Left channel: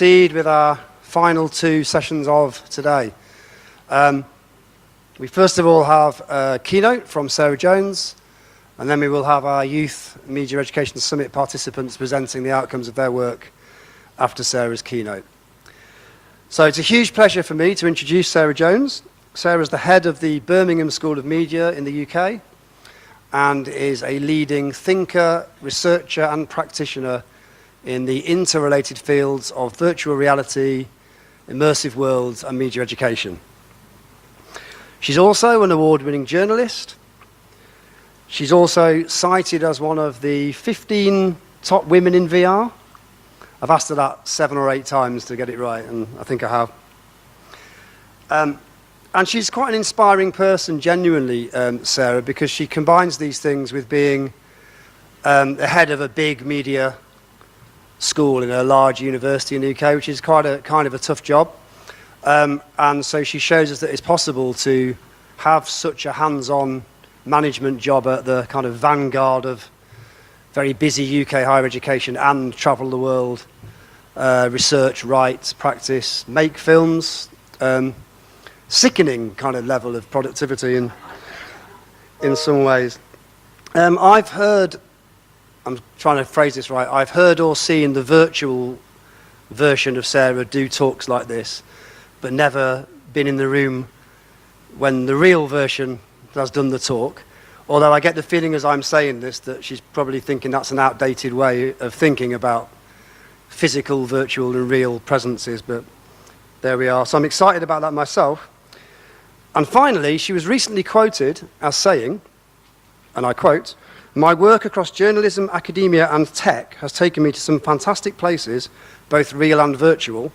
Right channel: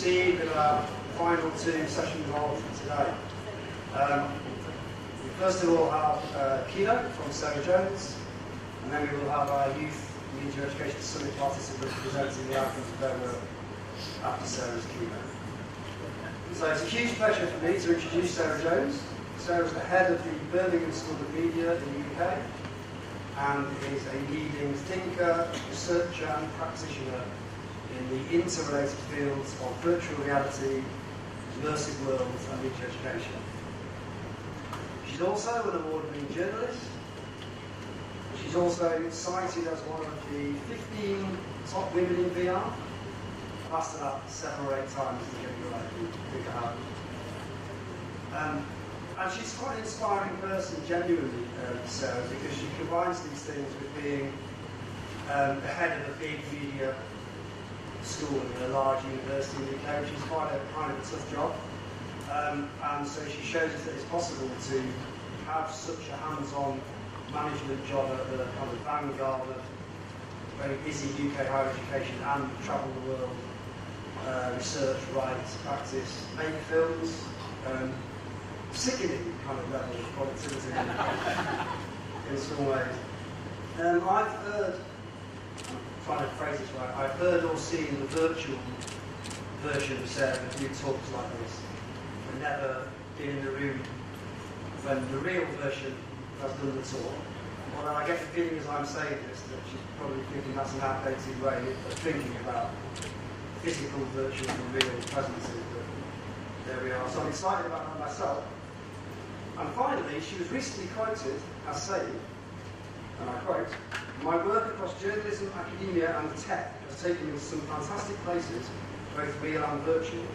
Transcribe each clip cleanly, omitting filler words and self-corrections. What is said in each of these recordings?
Proceed with our final two sessions of today. We first of all have a keynote from Sarah Jones, and then we will have our Youth Media Education Summit participants presenting the outcomes of their work after Sarah's keynote. So it's a huge pleasure for me to introduce Sarah Jones. Sarah is the head of the Birmingham School of Media in the UK and is a leading thinker, researcher and practitioner in the interrelated fields of virtual reality, immersive worlds and media education. She's also an award-winning journalist. She's also cited as one of the 15 top women in VR. I've asked her that 7 or 8 times to get it right, and I think I have. And she's quite an inspiring person, genuinely, Sarah, because she combines these things with being the head of a big media school in a large university in the UK, which is quite a kind of a tough job. And so she shows us that it's possible to have such a hands-on management job at the kind of vanguard of very busy UK higher education and travel the world, research, write, practice, make films. Sickening kind of level of productivity in some ways. I'm trying to phrase this right, I've heard or seen the virtual version of Sarah do talks like this, but never been in the room when the real version has done the talk. Although I get the feeling as I'm saying this that she's probably thinking that's an outdated way of thinking about physical, virtual and real presences, but there we are. So I'm excited about that myself. And finally, she was recently quoted as saying, and I quote, "My work across journalism, academia and tech has taken me to some fantastic places, both real and virtual,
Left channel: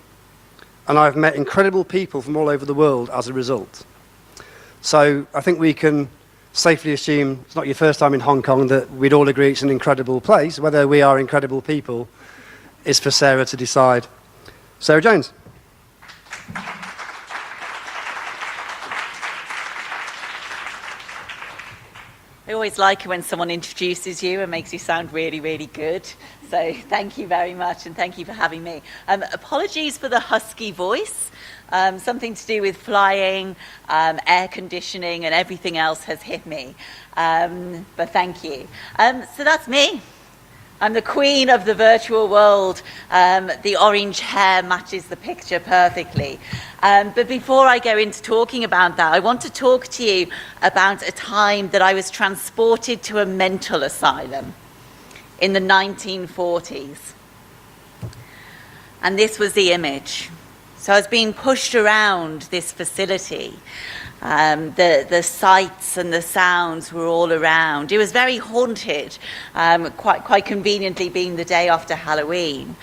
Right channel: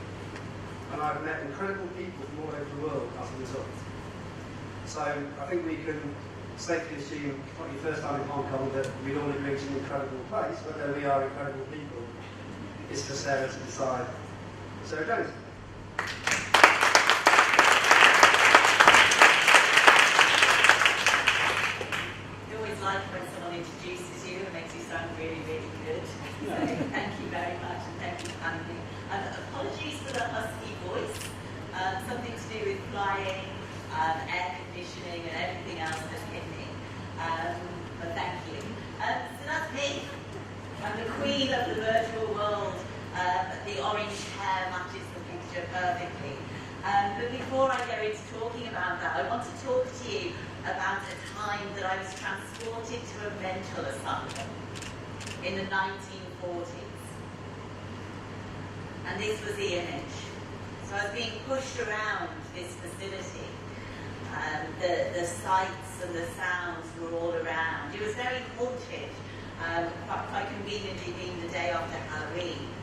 and I've met incredible people from all over the world as a result." So I think we can safely assume it's not your first time in Hong Kong that we'd all agree it's an incredible place. Whether we are incredible people is for Sarah to decide. Sarah Jones. I always like it when someone introduces you and makes you sound really, really good. So thank you very much, and thank you for having me. Apologies for the husky voice. Something to do with flying, air conditioning, and everything else has hit me. But thank you. So that's me. I'm the queen of the virtual world. The orange hair matches the picture perfectly. But before I go into talking about that, I want to talk to you about a time that I was transported to a mental asylum in the 1940s. And this was the image. So I was being pushed around this facility. The sights and the sounds were all around. It was very haunted, quite conveniently being the day after Halloween.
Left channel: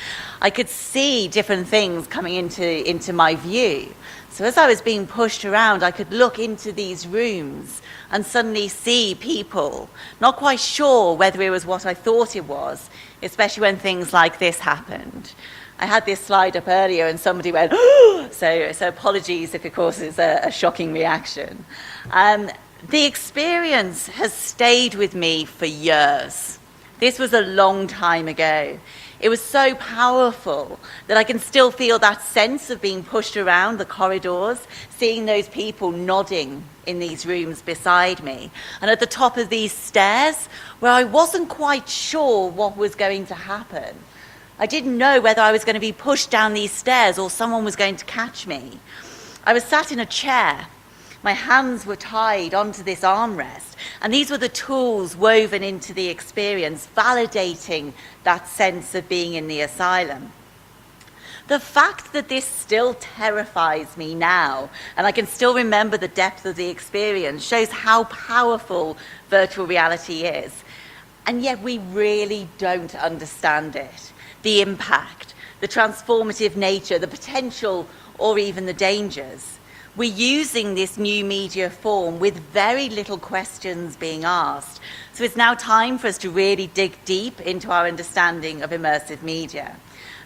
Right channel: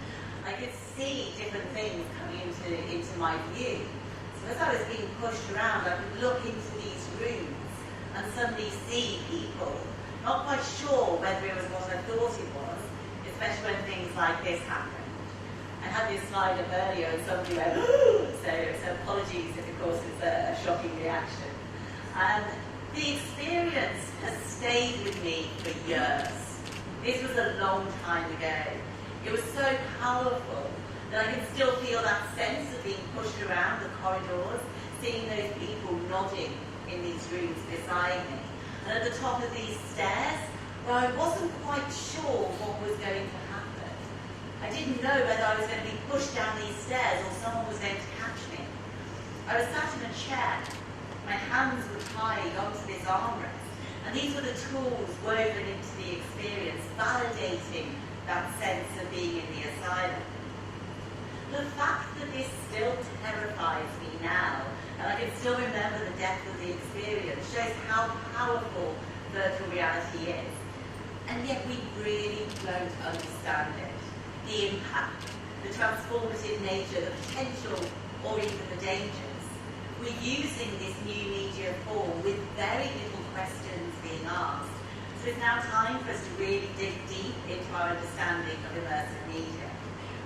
I could see different things coming into my view. So as I was being pushed around, I could look into these rooms and suddenly see people, not quite sure whether it was what I thought it was, especially when things like this happened. I had this slide up earlier and somebody went, "Oh!" So apologies if it causes a shocking reaction. The experience has stayed with me for years. This was a long time ago. It was so powerful that I can still feel that sense of being pushed around the corridors, seeing those people nodding in these rooms beside me, and at the top of these stairs where I wasn't quite sure what was going to happen. I didn't know whether I was going to be pushed down these stairs or someone was going to catch me. I was sat in a chair. My hands were tied onto this armrest, and these were the tools woven into the experience, validating that sense of being in the asylum. The fact that this still terrifies me now, and I can still remember the depth of the experience, shows how powerful virtual reality is. And yet we really don't understand it. The impact, the transformative nature, the potential, or even the dangers. We're using this new media form with very little questions being asked. So it's now time for us to really dig deep into our understanding of immersive media.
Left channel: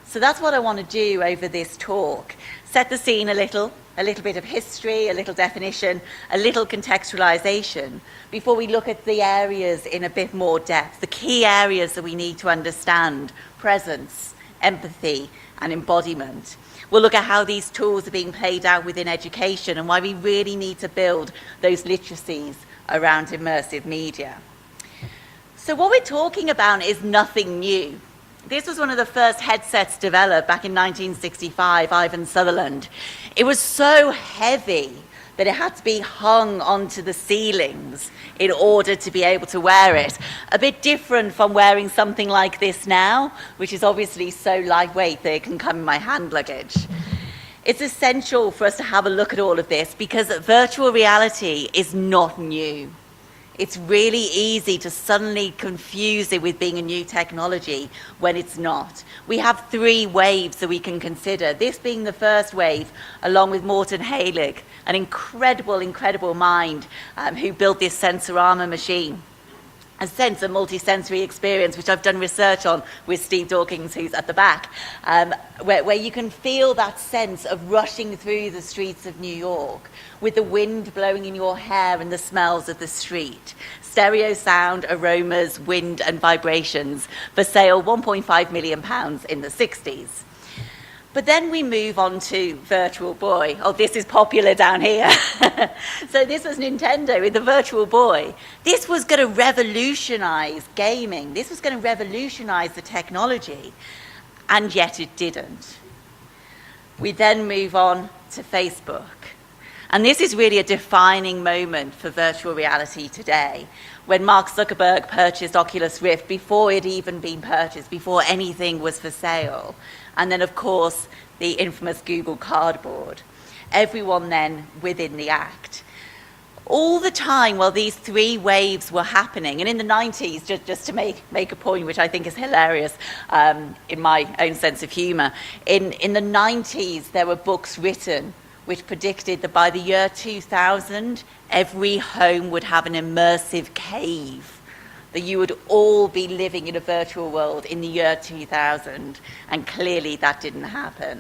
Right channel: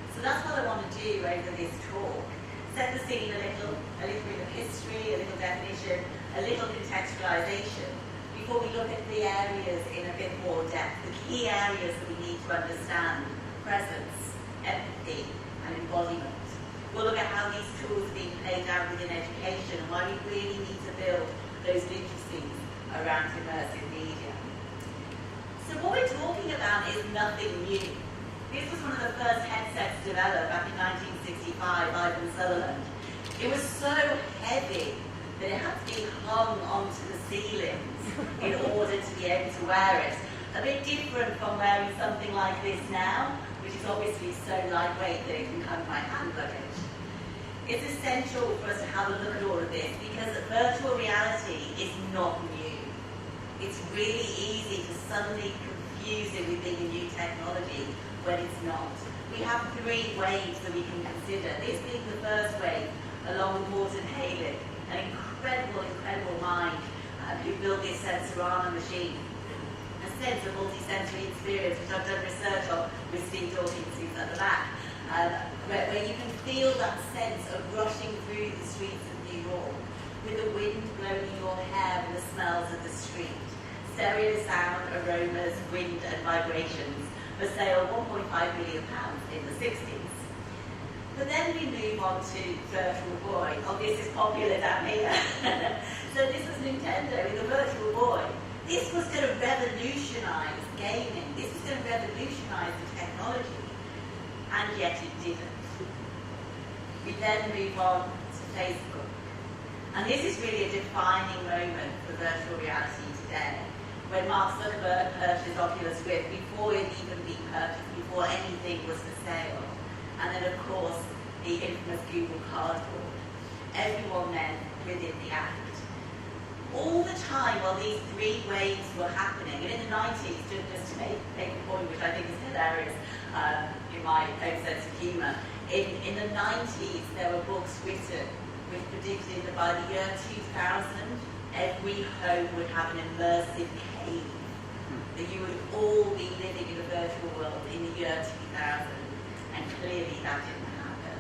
So that's what I want to do over this talk. Set the scene a little bit of history, a little definition, a little contextualization, before we look at the areas in a bit more depth, the key areas that we need to understand: presence, empathy, and embodiment. We'll look at how these tools are being played out within education and why we really need to build those literacies around immersive media. So what we're talking about is nothing new. This was one of the first headsets developed back in 1965, Ivan Sutherland. It was so heavy that it had to be hung onto the ceilings in order to be able to wear it. A bit different from wearing something like this now, which is obviously so lightweight that it can come in my hand luggage. It's essential for us to have a look at all of this because virtual reality is not new. It's really easy to suddenly confuse it with being a new technology when it's not. We have 3 waves that we can consider, this being the first wave, along with Morten Heilig, an incredible mind who built this Sensorama machine. A sense of multi-sensory experience, which I've done research on with Steve Dawkins, who's at the back, where you can feel that sense of rushing through the streets of New York with the wind blowing in your hair and the smells of the street. Stereo sound, aromas, wind and vibrations for sale £1.5 million in the 60s. But then we move on to Virtual Boy. Oh, this is popular down here. So this was Nintendo with the Virtual Boy. This was going to revolutionize gaming. This was going to revolutionize the technology, and yet it didn't. We then move on to Facebook. And this is really a defining moment for virtual reality today, when Mark Zuckerberg purchased Oculus Rift before it had even been purchased, before anything was for sale. And then, of course, the infamous Google Cardboard. Everyone then within the act. All the time while these 3 waves were happening, and in the 90s, just to make a point which I think is hilarious in my own sense of humour, in the 90s there were books written which predicted that by the year 2000, every home would have an immersive cave, that you would all be living in a virtual world in the year 2000, and clearly that didn't happen.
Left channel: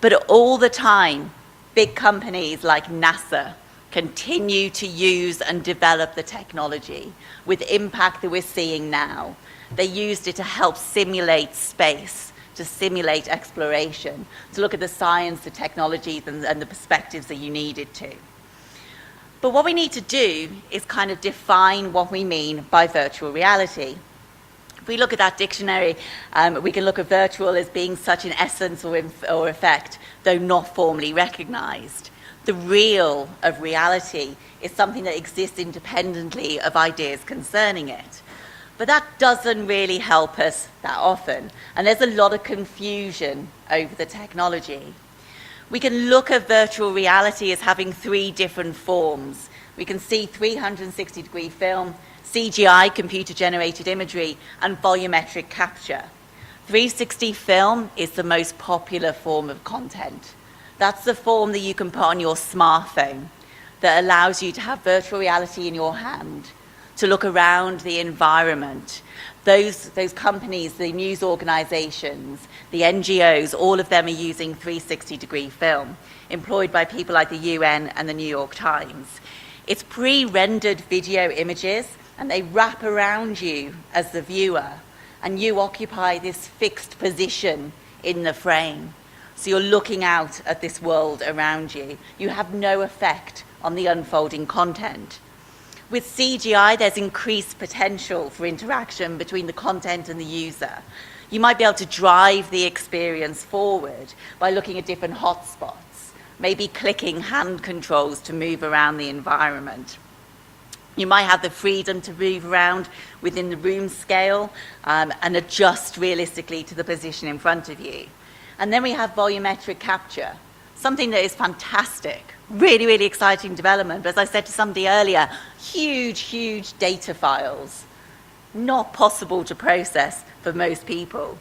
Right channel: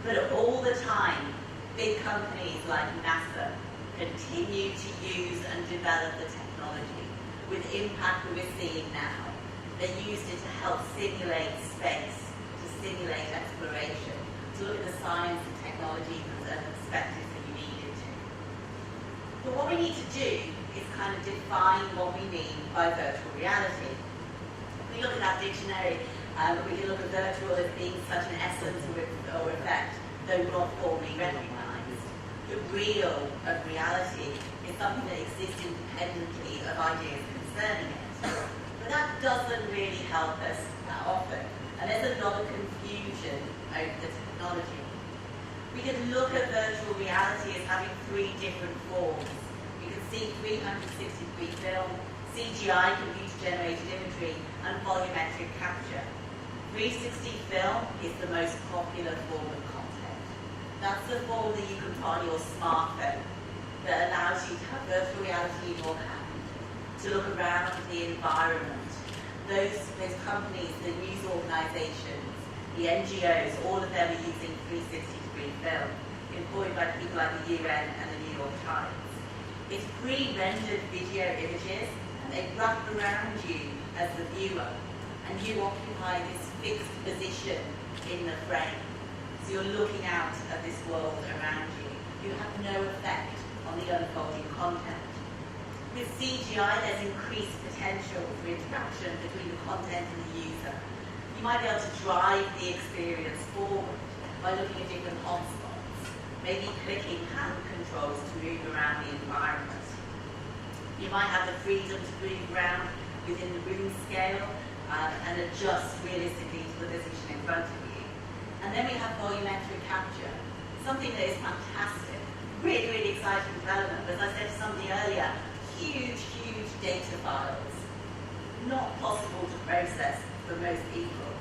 But all the time, big companies like NASA continue to use and develop the technology with impact that we're seeing now. They used it to help simulate space, to simulate exploration, to look at the science, the technologies, and the perspectives that you needed to. But what we need to do is kind of define what we mean by virtual reality. If we look at that dictionary, we can look at virtual as being such an essence or effect, though not formally recognized. The real of reality is something that exists independently of ideas concerning it. But that doesn't really help us that often, and there's a lot of confusion over the technology. We can look at virtual reality as having 3 different forms. We can see 360-degree film, CGI, computer-generated imagery, and volumetric capture. 360 film is the most popular form of content. That's the form that you can put on your smartphone that allows you to have virtual reality in your hand, to look around the environment. Those companies, the news organizations, the NGOs, all of them are using 360-degree film, employed by people like the UN and the New York Times. It's pre-rendered video images, and they wrap around you as the viewer, and you occupy this fixed position in the frame. So you're looking out at this world around you. You have no effect on the unfolding content. With CGI, there's increased potential for interaction between the content and the user. You might be able to drive the experience forward by looking at different hotspots, maybe clicking hand controls to move around the environment. You might have the freedom to move around within the room scale and adjust realistically to the position in front of you. And then we have volumetric capture, something that is fantastic, really, really exciting development. But as I said to somebody earlier, huge data files, not possible to process for most people.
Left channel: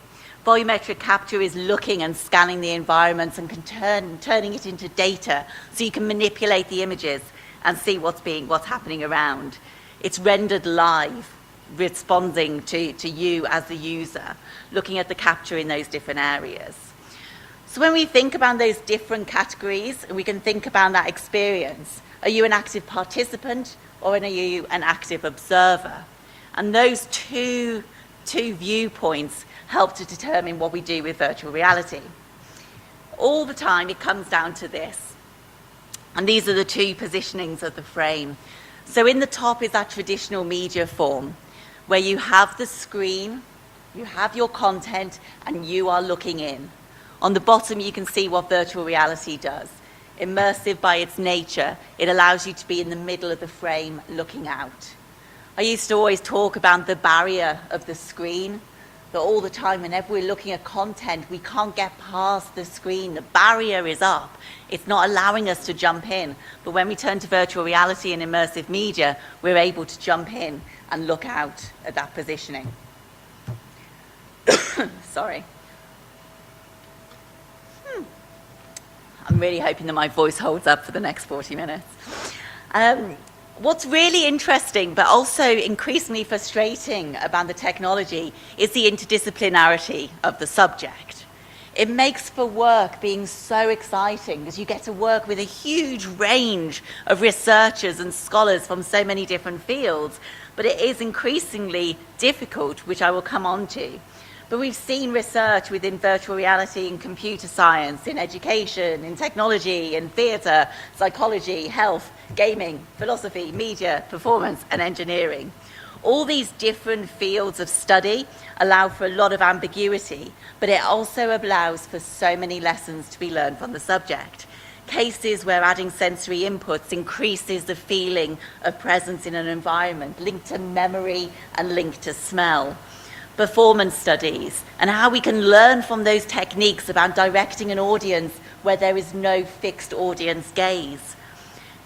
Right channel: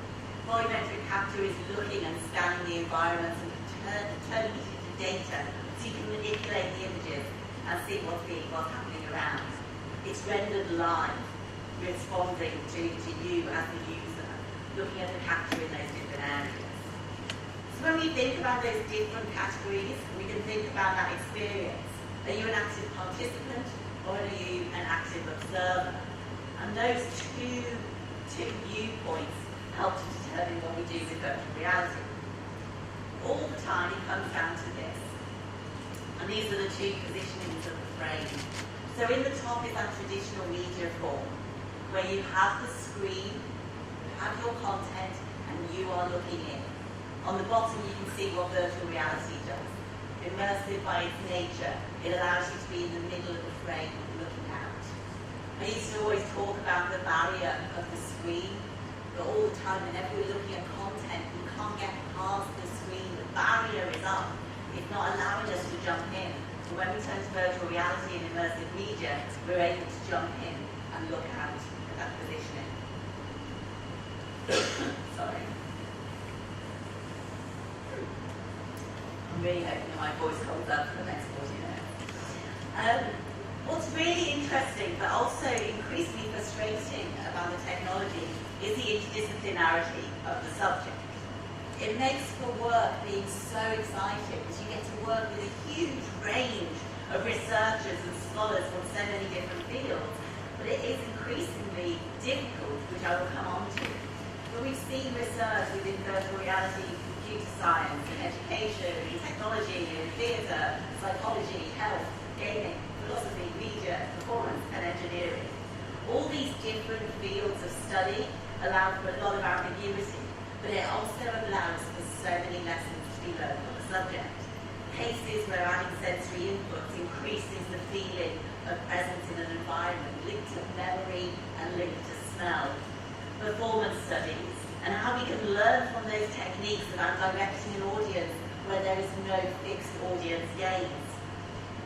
Volumetric capture is looking and scanning the environments and turning it into data so you can manipulate the images and see what's happening around. It's rendered live, responding to you as the user, looking at the capture in those different areas. So when we think about those different categories, we can think about that experience. Are you an active participant or are you an active observer? And those two viewpoints help to determine what we do with virtual reality. All the time it comes down to this. And these are the two positionings of the frame. So in the top is that traditional media form, where you have the screen, you have your content, and you are looking in. On the bottom, you can see what virtual reality does. Immersive by its nature, it allows you to be in the middle of the frame looking out. I used to always talk about the barrier of the screen, that all the time whenever we're looking at content, we can't get past the screen. The barrier is up. It's not allowing us to jump in. But when we turn to virtual reality and immersive media, we're able to jump in and look out at that positioning. Sorry. I'm really hoping that my voice holds up for the next 40 minutes. What's really interesting, but also increasingly frustrating about the technology is the interdisciplinarity of the subject. It makes for work being so exciting because you get to work with a huge range of researchers and scholars from so many different fields, but it is increasingly difficult, which I will come on to. But we've seen research within virtual reality in computer science, in education, in technology, in theatre, psychology, health, gaming, philosophy, media, performance, and engineering. All these different fields of study allow for a lot of ambiguity, but it also allows for so many lessons to be learned from the subject. Cases where adding sensory inputs increases the feeling of presence in an environment, linked to memory and linked to smell. Performance studies, and how we can learn from those techniques about directing an audience where there is no fixed audience gaze.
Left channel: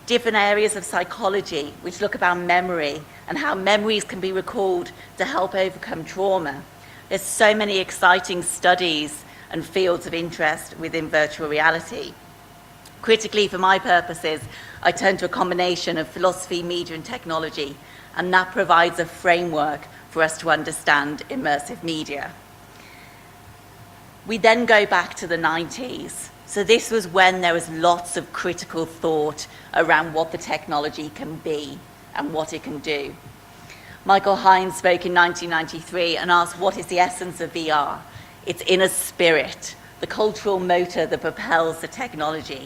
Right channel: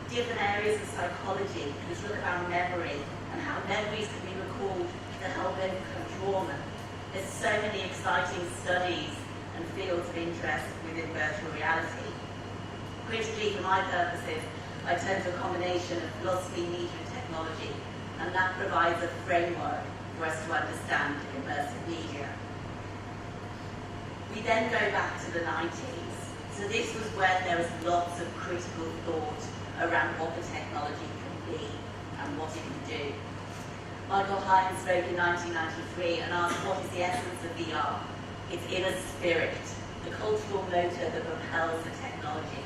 Different areas of psychology which look about memory and how memories can be recalled to help overcome trauma. There's so many exciting studies and fields of interest within virtual reality. Critically, for my purposes, I turn to a combination of philosophy, media, and technology, and that provides a framework for us to understand immersive media. We then go back to the 90s. So this was when there was lots of critical thought around what the technology can be and what it can do. Michael Hines spoke in 1993 and asked, what is the essence of VR? Its inner spirit, the cultural motor that propels the technology.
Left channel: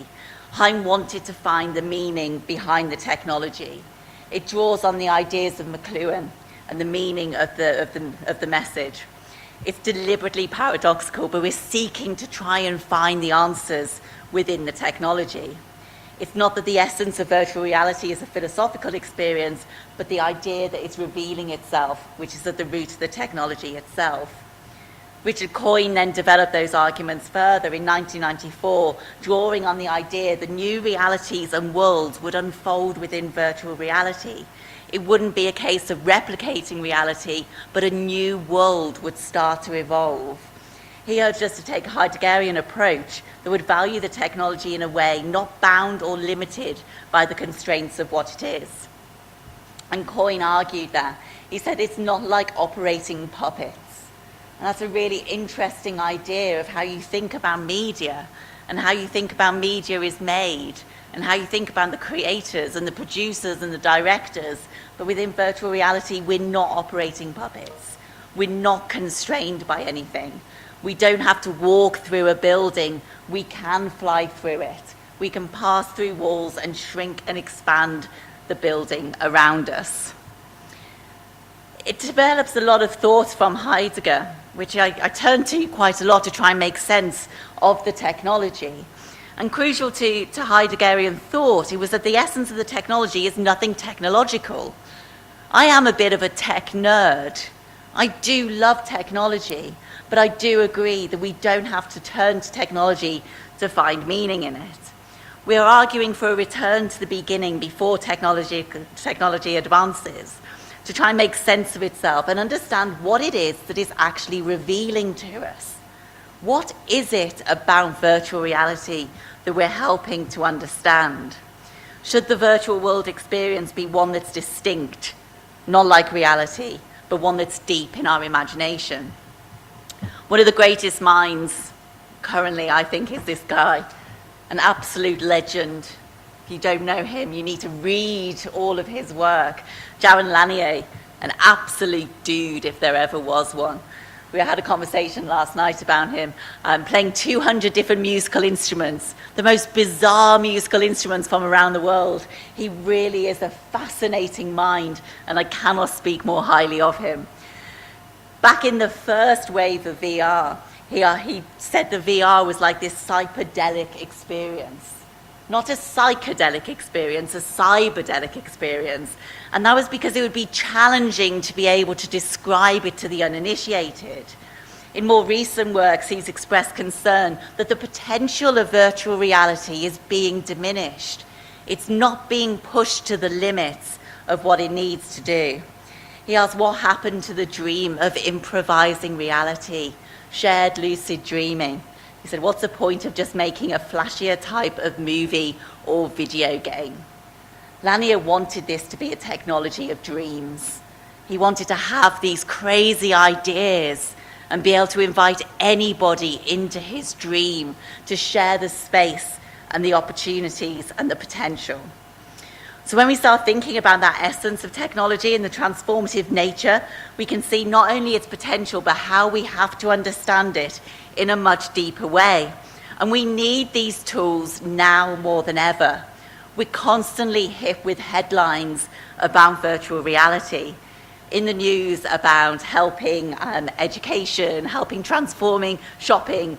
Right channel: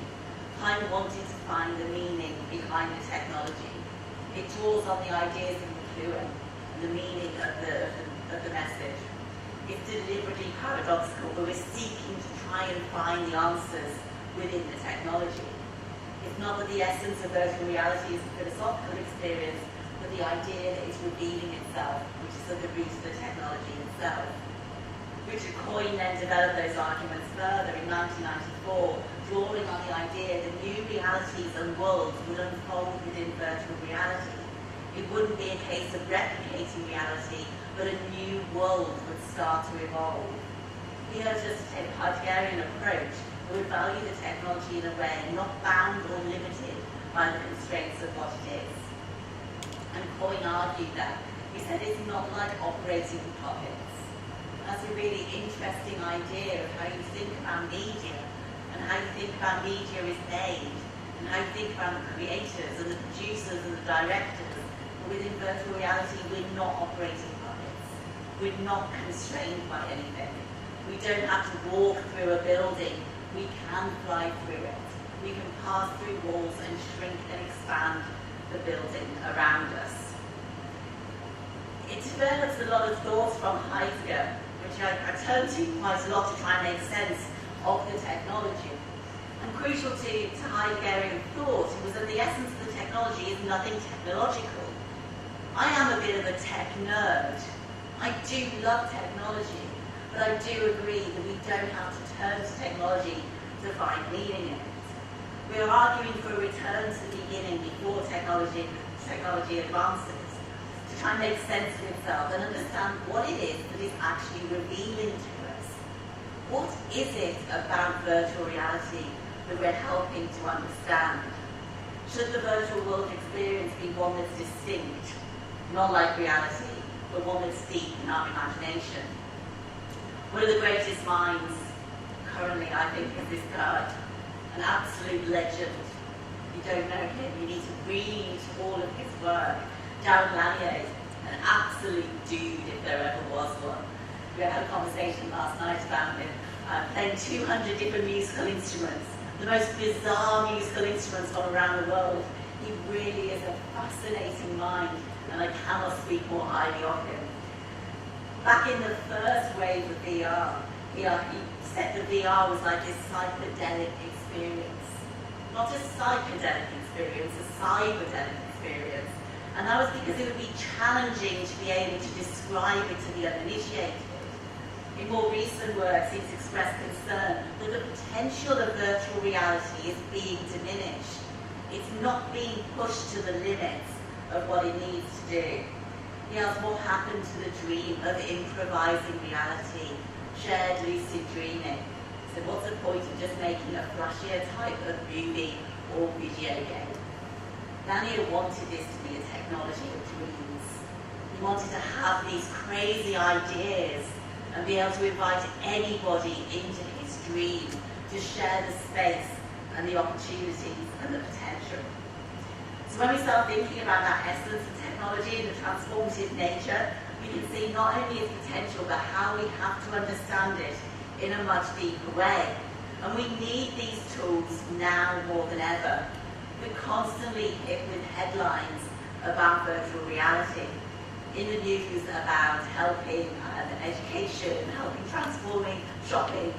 Hines wanted to find the meaning behind the technology. It draws on the ideas of McLuhan and the meaning of the message. It's deliberately paradoxical, but we're seeking to try and find the answers within the technology. It's not that the essence of virtual reality is a philosophical experience, but the idea that it's revealing itself, which is at the root of the technology itself. Richard Coyne then developed those arguments further in 1994, drawing on the idea that new realities and worlds would unfold within virtual reality. It wouldn't be a case of replicating reality, but a new world would start to evolve. He urged us to take a Heideggerian approach that would value the technology in a way not bound or limited by the constraints of what it is. And Coyne argued that. He said it's not like operating puppets. And that's a really interesting idea of how you think about media and how you think about media is made and how you think about the creators and the producers and the directors. But within virtual reality, we're not operating puppets. We're not constrained by anything. We don't have to walk through a building. We can fly through it. We can pass through walls and shrink and expand the building around us. It develops a lot of thoughts from Heidegger, which I turn to quite a lot to try and make sense of the technology. And crucial to Heideggerian thought, it was that the essence of the technology is nothing technological. I am a bit of a tech nerd. I do love technology, but I do agree that we don't have to turn to technology to find meaning in it. We are arguing for a return to the beginning before technology advances, to try and make sense of itself and understand what it is that is actually revealing to us. What is it about virtual reality that we're helping to understand? Should the virtual world experience be one that's distinct, not like reality, but one that's deep in our imagination? One of the greatest minds currently, I think, is this guy, an absolute legend. If you don't know him, you need to read all of his work. Jaron Lanier, an absolute dude if there ever was one. We had a conversation last night about him playing 200 different musical instruments, the most bizarre musical instruments from around the world. He really is a fascinating mind, and I cannot speak more highly of him. Back in the first wave of VR, he said the VR was like this psychedelic experience. Not a psychedelic experience, a cyberdelic experience. And that was because it would be challenging to be able to describe it to the uninitiated. In more recent works, he's expressed concern that the potential of virtual reality is being diminished. It's not being pushed to the limits of what it needs to do. He asked what happened to the dream of improvising reality, shared lucid dreaming. He said, what's the point of just making a flashier type of movie or video game? Lanier wanted this to be a technology of dreams. He wanted to have these crazy ideas and be able to invite anybody into his dream to share the space and the opportunities and the potential. So when we start thinking about that essence of technology and the transformative nature, we can see not only its potential, but how we have to understand it in a much deeper way. And we need these tools now more than ever. We're constantly hit with headlines about virtual reality. In the news about helping education, helping transforming shopping,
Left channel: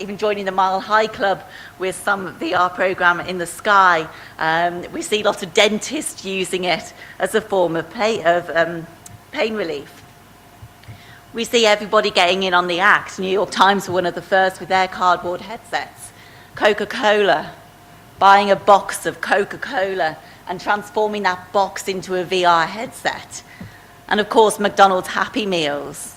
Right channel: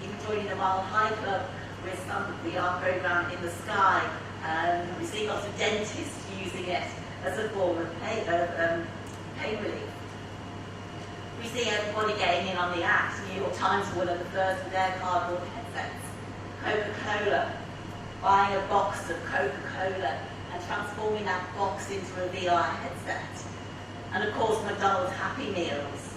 even joining the Mile High Club with some VR program in the sky. We see lots of dentists using it as a form of pain relief. We see everybody getting in on the act. New York Times were one of the first with their cardboard headsets. Coca-Cola, buying a box of Coca-Cola and transforming that box into a VR headset. And of course, McDonald's Happy Meals.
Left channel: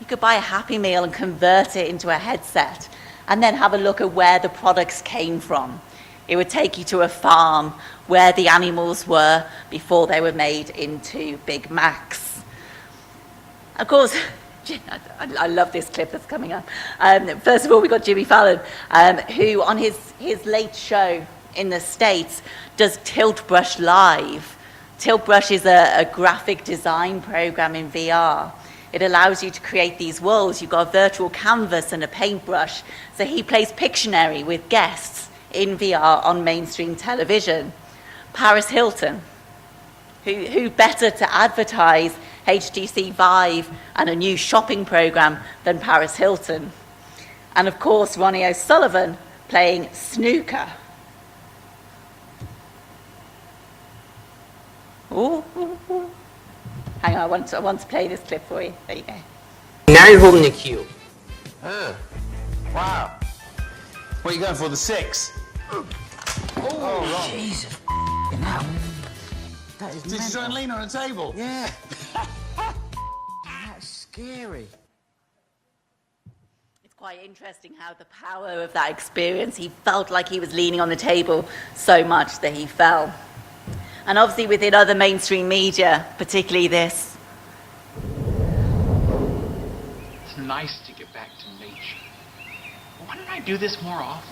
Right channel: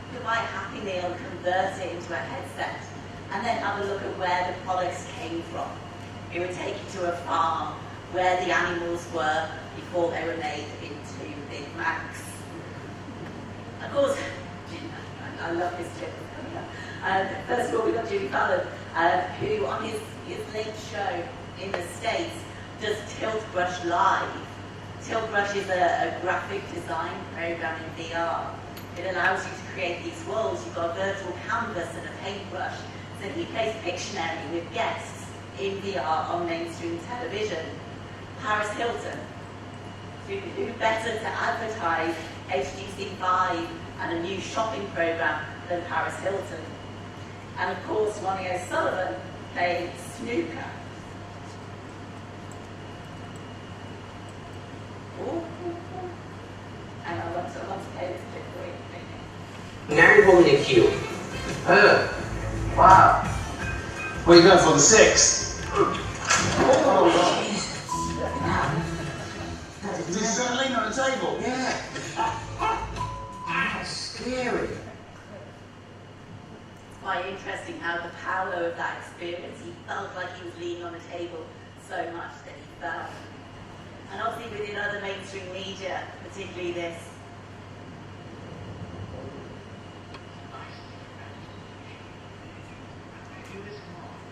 You could buy a Happy Meal and convert it into a headset and then have a look at where the products came from. It would take you to a farm where the animals were before they were made into Big Macs. Of course, I love this clip that's coming up. First of all, we got Jimmy Fallon, who on his late show in the States does Tilt Brush Live. Tilt Brush is a graphic design program in VR. It allows you to create these worlds. You've got a virtual canvas and a paintbrush. So he plays Pictionary with guests in VR on mainstream television. Paris Hilton, who better to advertise HTC Vive and a new shopping program than Paris Hilton? And of course, Ronnie O'Sullivan playing snooker. Ooh. Hang on, I want to play this clip for you. There you go. Now you're holding the cue. Wow. What are you doing for the 6? Oh, Jesus. Did you start laying on the table? Yeah. That's scary. Quite interesting how the power of that experience, he felt like he was leaning on the table so much that he fell. And obviously within other mainstream media, particularly this. It's nice to get back to nature. Why don't I do this more often?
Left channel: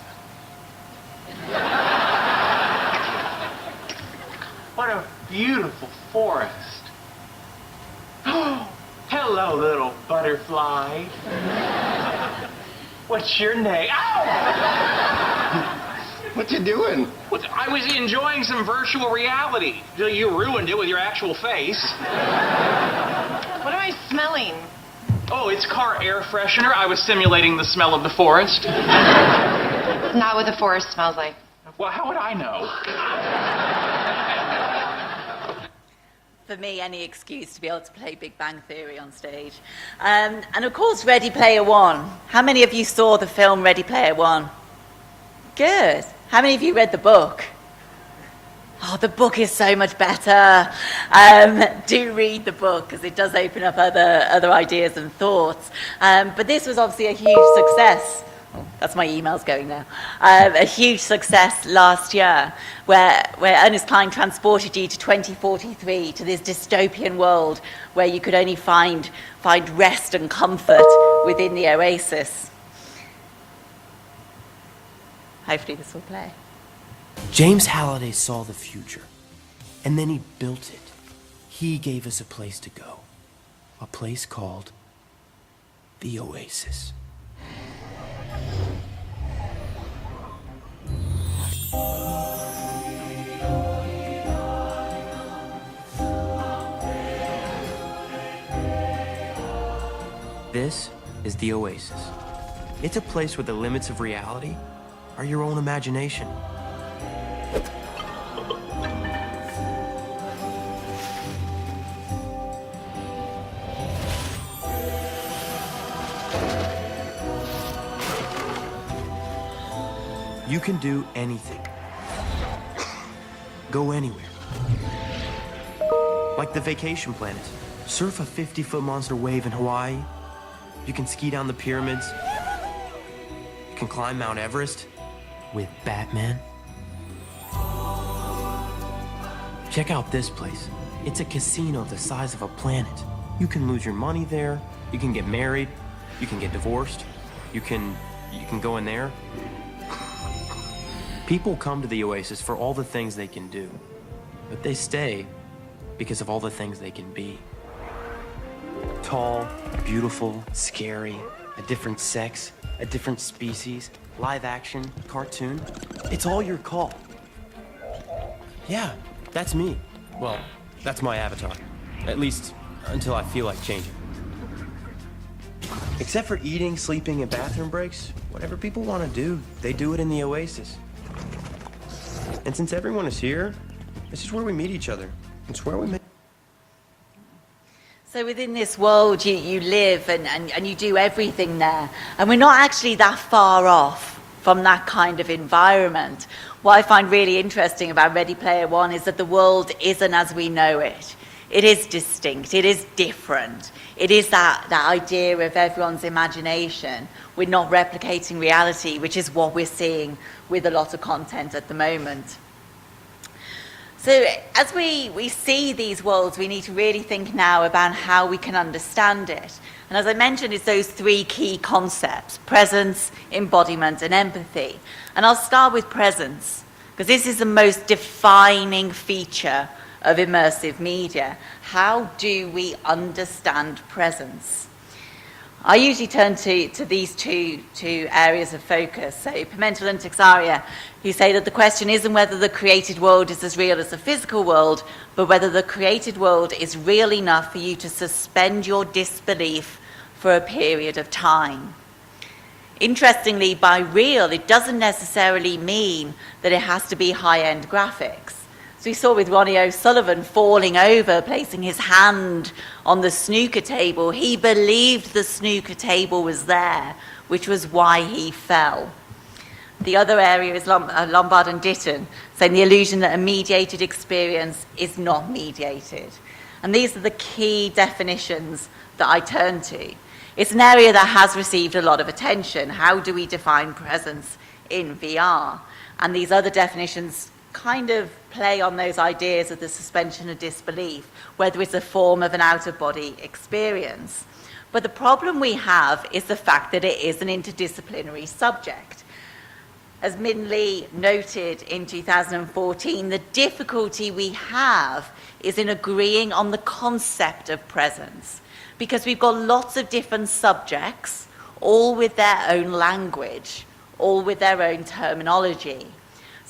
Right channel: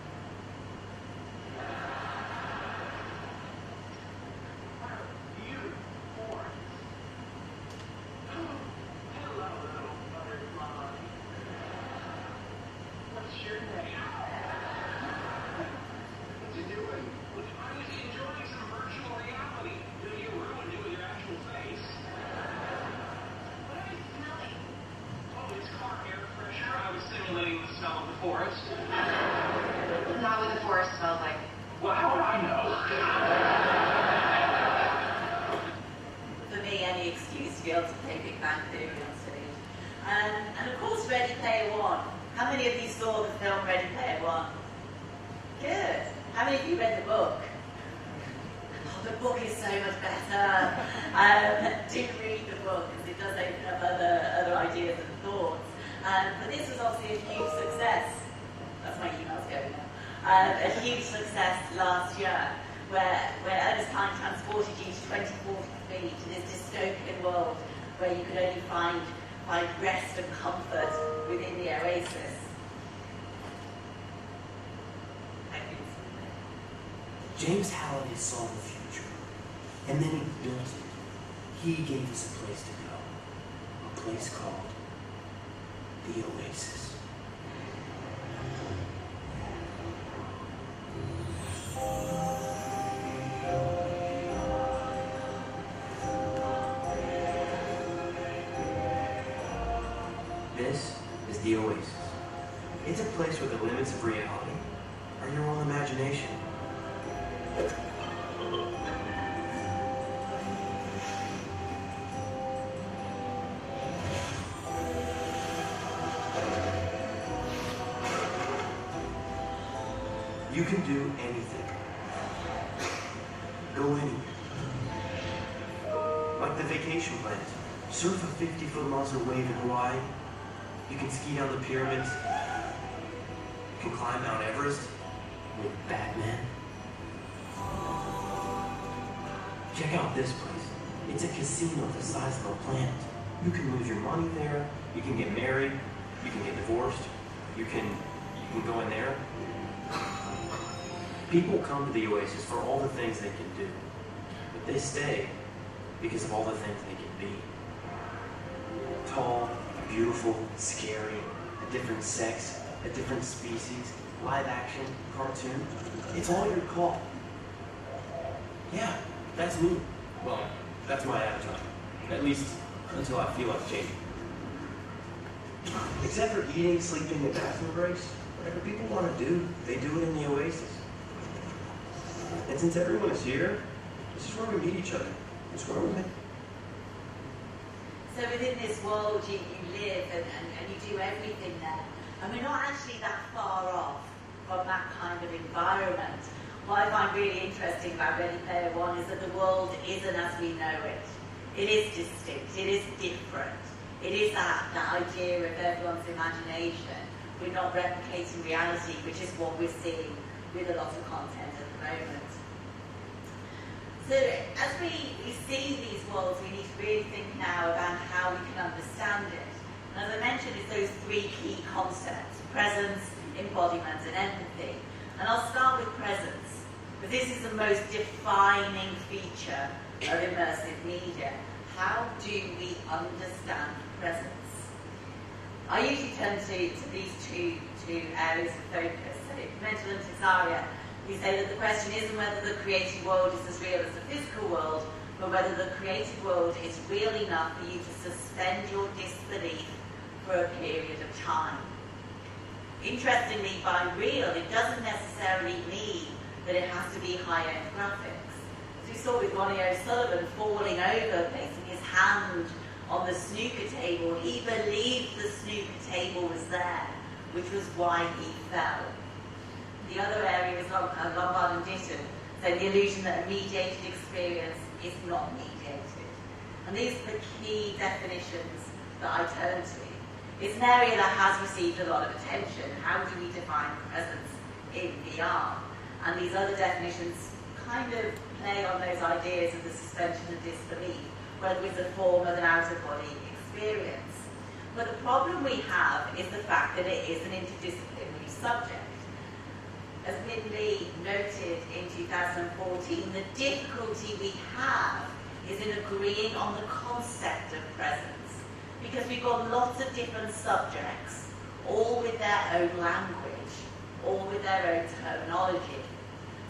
What a beautiful forest. Oh, hello, little butterfly. What's your name? Ow! What you doing? I was enjoying some virtual reality. You ruined it with your actual face. What am I smelling? Oh, it's car air freshener. I was simulating the smell of the forest. Not what the forest smells like. Well, how would I know? For me, any excuse to be able to play Big Bang Theory on stage. And of course, Ready Player One. How many of you saw the film Ready Player One? Good. How many of you read the book? Oh, the book is so much better. Do read the book, because it does open up other ideas and thoughts. But this was obviously a huge success. Oh, that's my emails going now. A huge success last year, where Ernest Cline transported you to 2043, to this dystopian world where you could only find rest and comfort within the oasis. Hopefully this will play. James Halliday saw the future, and then he built it. He gave us a place to go, a place called the oasis. This is the oasis. It's a place where the limits of reality are your own imagination. You can do anything. Go anywhere. Like the vacation plans. Surf a 50-foot monster wave in Hawaii. You can ski down the pyramids. You can climb Mount Everest with Batman. Check out this place. It's a casino the size of a planet. You can lose your money there. You can get married. You can get divorced. You can go in there. People come to the Oasis for all the things they can do, but they stay because of all the things they can be. Tall, beautiful, scary, a different sex, a different species, live action, cartoon. It's all your call. Yeah, that's me. Well, that's my avatar. At least until I feel like changing. Except for eating, sleeping, and bathroom breaks, whatever people want to do, they do it in the Oasis. And since everyone is here, this is where we meet each other. It's where we met. So within this world, you live and you do everything there. And we're not actually that far off from that kind of environment. What I find really interesting about Ready Player One is that the world isn't as we know it. It is distinct. It is different. It is that idea of everyone's imagination. We're not replicating reality, which is what we're seeing with a lot of content at the moment. So as we see these worlds, we need to really think now about how we can understand it. And as I mentioned, it's those three key concepts: presence, embodiment, and empathy. And I'll start with presence, because this is the most defining feature of immersive media. How do we understand presence? I usually turn to these two areas of focus. So Pimentel and Texaria, who say that the question isn't whether the created world is as real as the physical world, but whether the created world is real enough for you to suspend your disbelief for a period of time. Interestingly, by real, it doesn't necessarily mean that it has to be high-end graphics. So we saw with Ronnie O'Sullivan falling over, placing his hand on the snooker table. He believed the snooker table was there, which was why he fell. The other area is Lombard and Ditton, saying the illusion that a mediated experience is not mediated. And these are the key definitions that I turn to. It's an area that has received a lot of attention. How do we define presence in VR? And these other definitions kind of play on those ideas of the suspension of disbelief, whether it's a form of an out-of-body experience. But the problem we have is the fact that it is an interdisciplinary subject. As Min Lee noted in 2014, the difficulty we have is in agreeing on the concept of presence, because we've got lots of different subjects, all with their own language, all with their own terminology.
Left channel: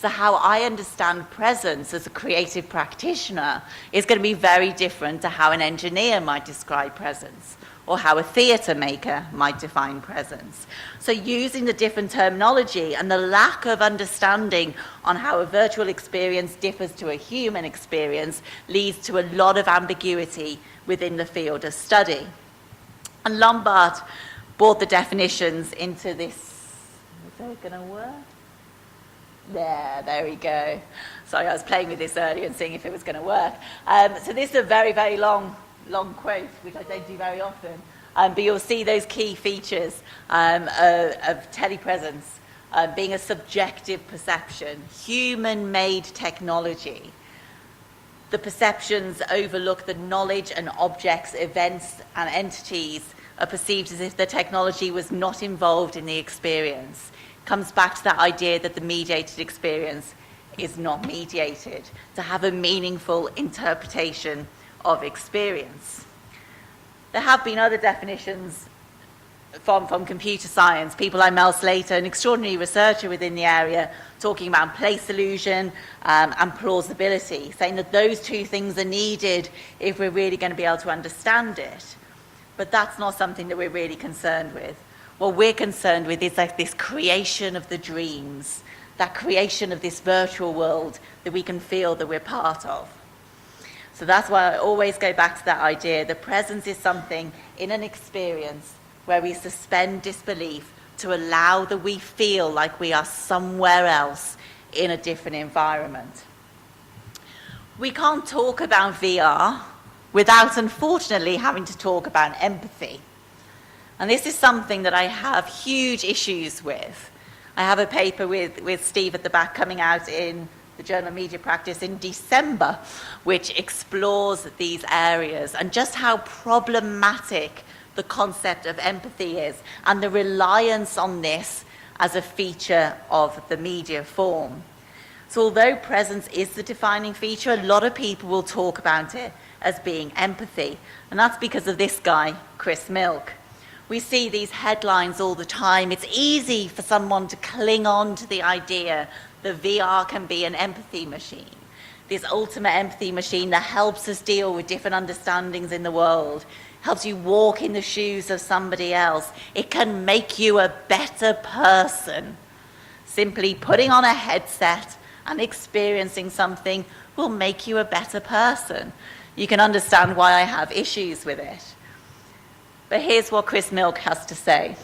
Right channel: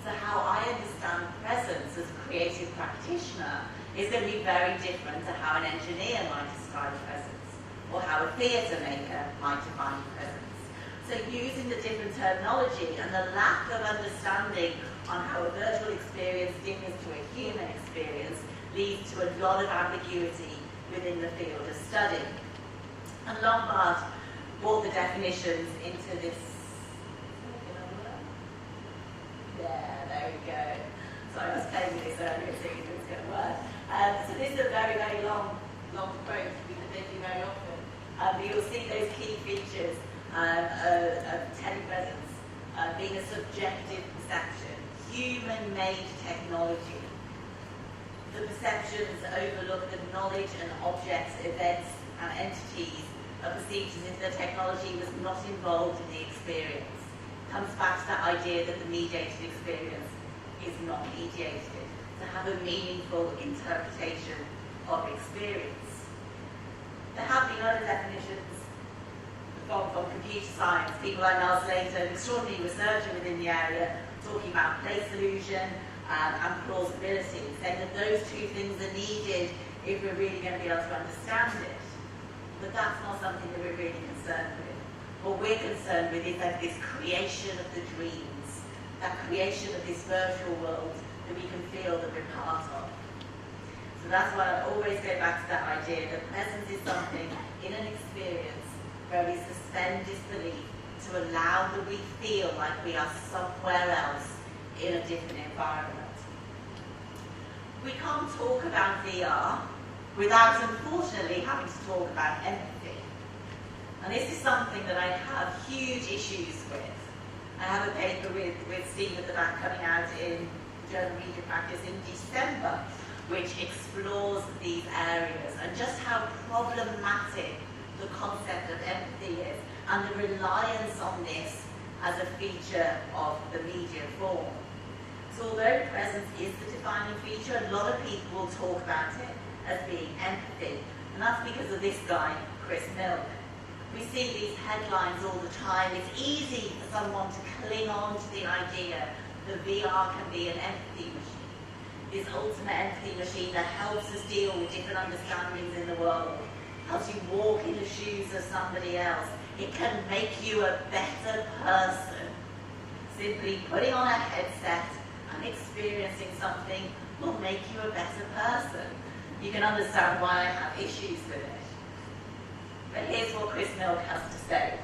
So how I understand presence as a creative practitioner is going to be very different to how an engineer might describe presence, or how a theatre maker might define presence. So using the different terminology and the lack of understanding on how a virtual experience differs to a human experience leads to a lot of ambiguity within the field of study. And Lombard brought the definitions into this. Is that going to work? There we go. Sorry, I was playing with this earlier and seeing if it was going to work. So this is a very, very long quote, which I don't do very often. But you'll see those key features of telepresence being a subjective perception, human-made technology. The perceptions overlook the knowledge and objects, events, and entities are perceived as if the technology was not involved in the experience. Comes back to that idea that the mediated experience is not mediated, to have a meaningful interpretation of experience. There have been other definitions from computer science, people like Mel Slater, an extraordinary researcher within the area, talking about place illusion and plausibility, saying that those two things are needed if we're really going to be able to understand it. But that's not something that we're really concerned with. What we're concerned with is like this creation of the dreams, that creation of this virtual world that we can feel that we're part of. So that's why I always go back to that idea. The presence is something in an experience where we suspend disbelief to allow that we feel like we are somewhere else in a different environment. We can't talk about VR without, unfortunately, having to talk about empathy. And this is something that I have huge issues with. I have a paper with Steve at the back coming out in the Journal of Media Practice in December, which explores these areas and just how problematic the concept of empathy is and the reliance on this as a feature of the media form. So although presence is the defining feature, a lot of people will talk about it as being empathy. And that's because of this guy, Chris Milk. We see these headlines all the time. It's easy for someone to cling on to the idea that VR can be an empathy machine, this ultimate empathy machine that helps us deal with different understandings in the world, helps you walk in the shoes of somebody else. It can make you a better person. Simply putting on a headset and experiencing something will make you a better person. You can understand why I have issues with it. But here's what Chris Milk has to say.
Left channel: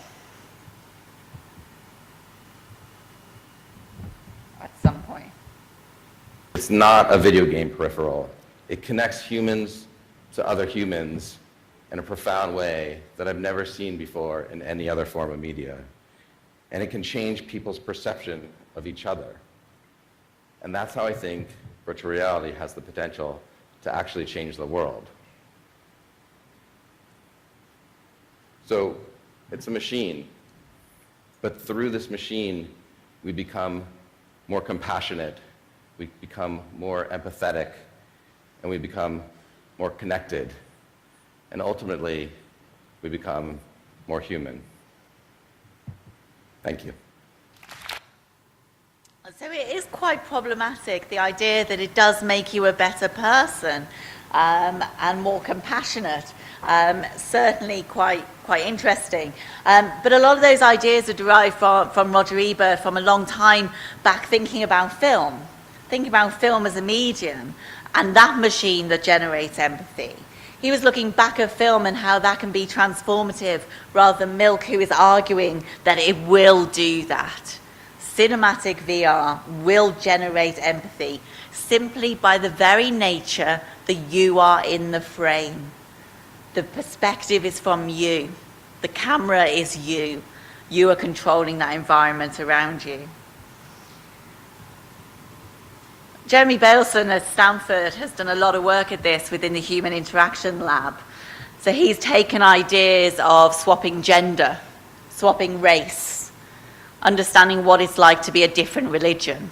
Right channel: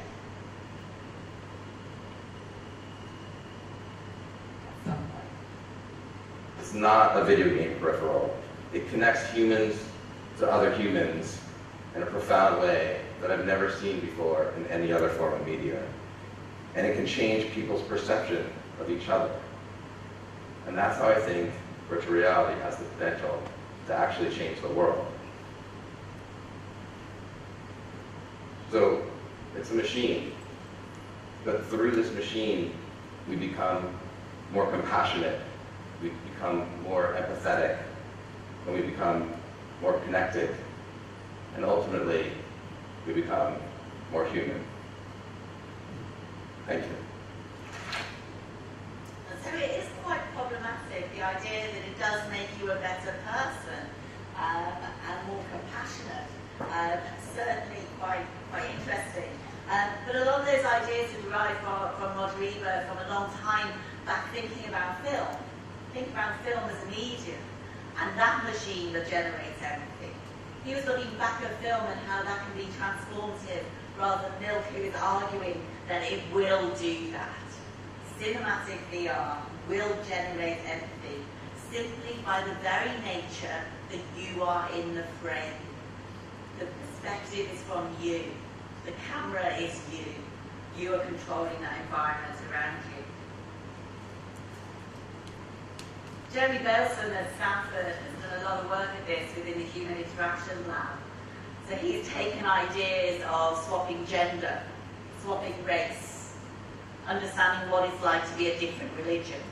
At some point. It's not a video game peripheral. It connects humans to other humans in a profound way that I've never seen before in any other form of media. And it can change people's perception of each other. And that's how I think virtual reality has the potential to actually change the world. So it's a machine, but through this machine, we become more compassionate, we become more empathetic, and we become more connected. And ultimately, we become more human. Thank you. So it is quite problematic, the idea that it does make you a better person and more compassionate. Certainly quite interesting. But a lot of those ideas are derived from Roger Ebert from a long time back, thinking about film as a medium and that machine that generates empathy. He was looking back at film and how that can be transformative, rather than Milk, who is arguing that it will do that. Cinematic VR will generate empathy simply by the very nature that you are in the frame. The perspective is from you. The camera is you. You are controlling that environment around you. Jeremy Baleson at Stanford has done a lot of work at this within the Human Interaction Lab. So he's taken ideas of swapping gender, swapping race, understanding what it's like to be a different religion.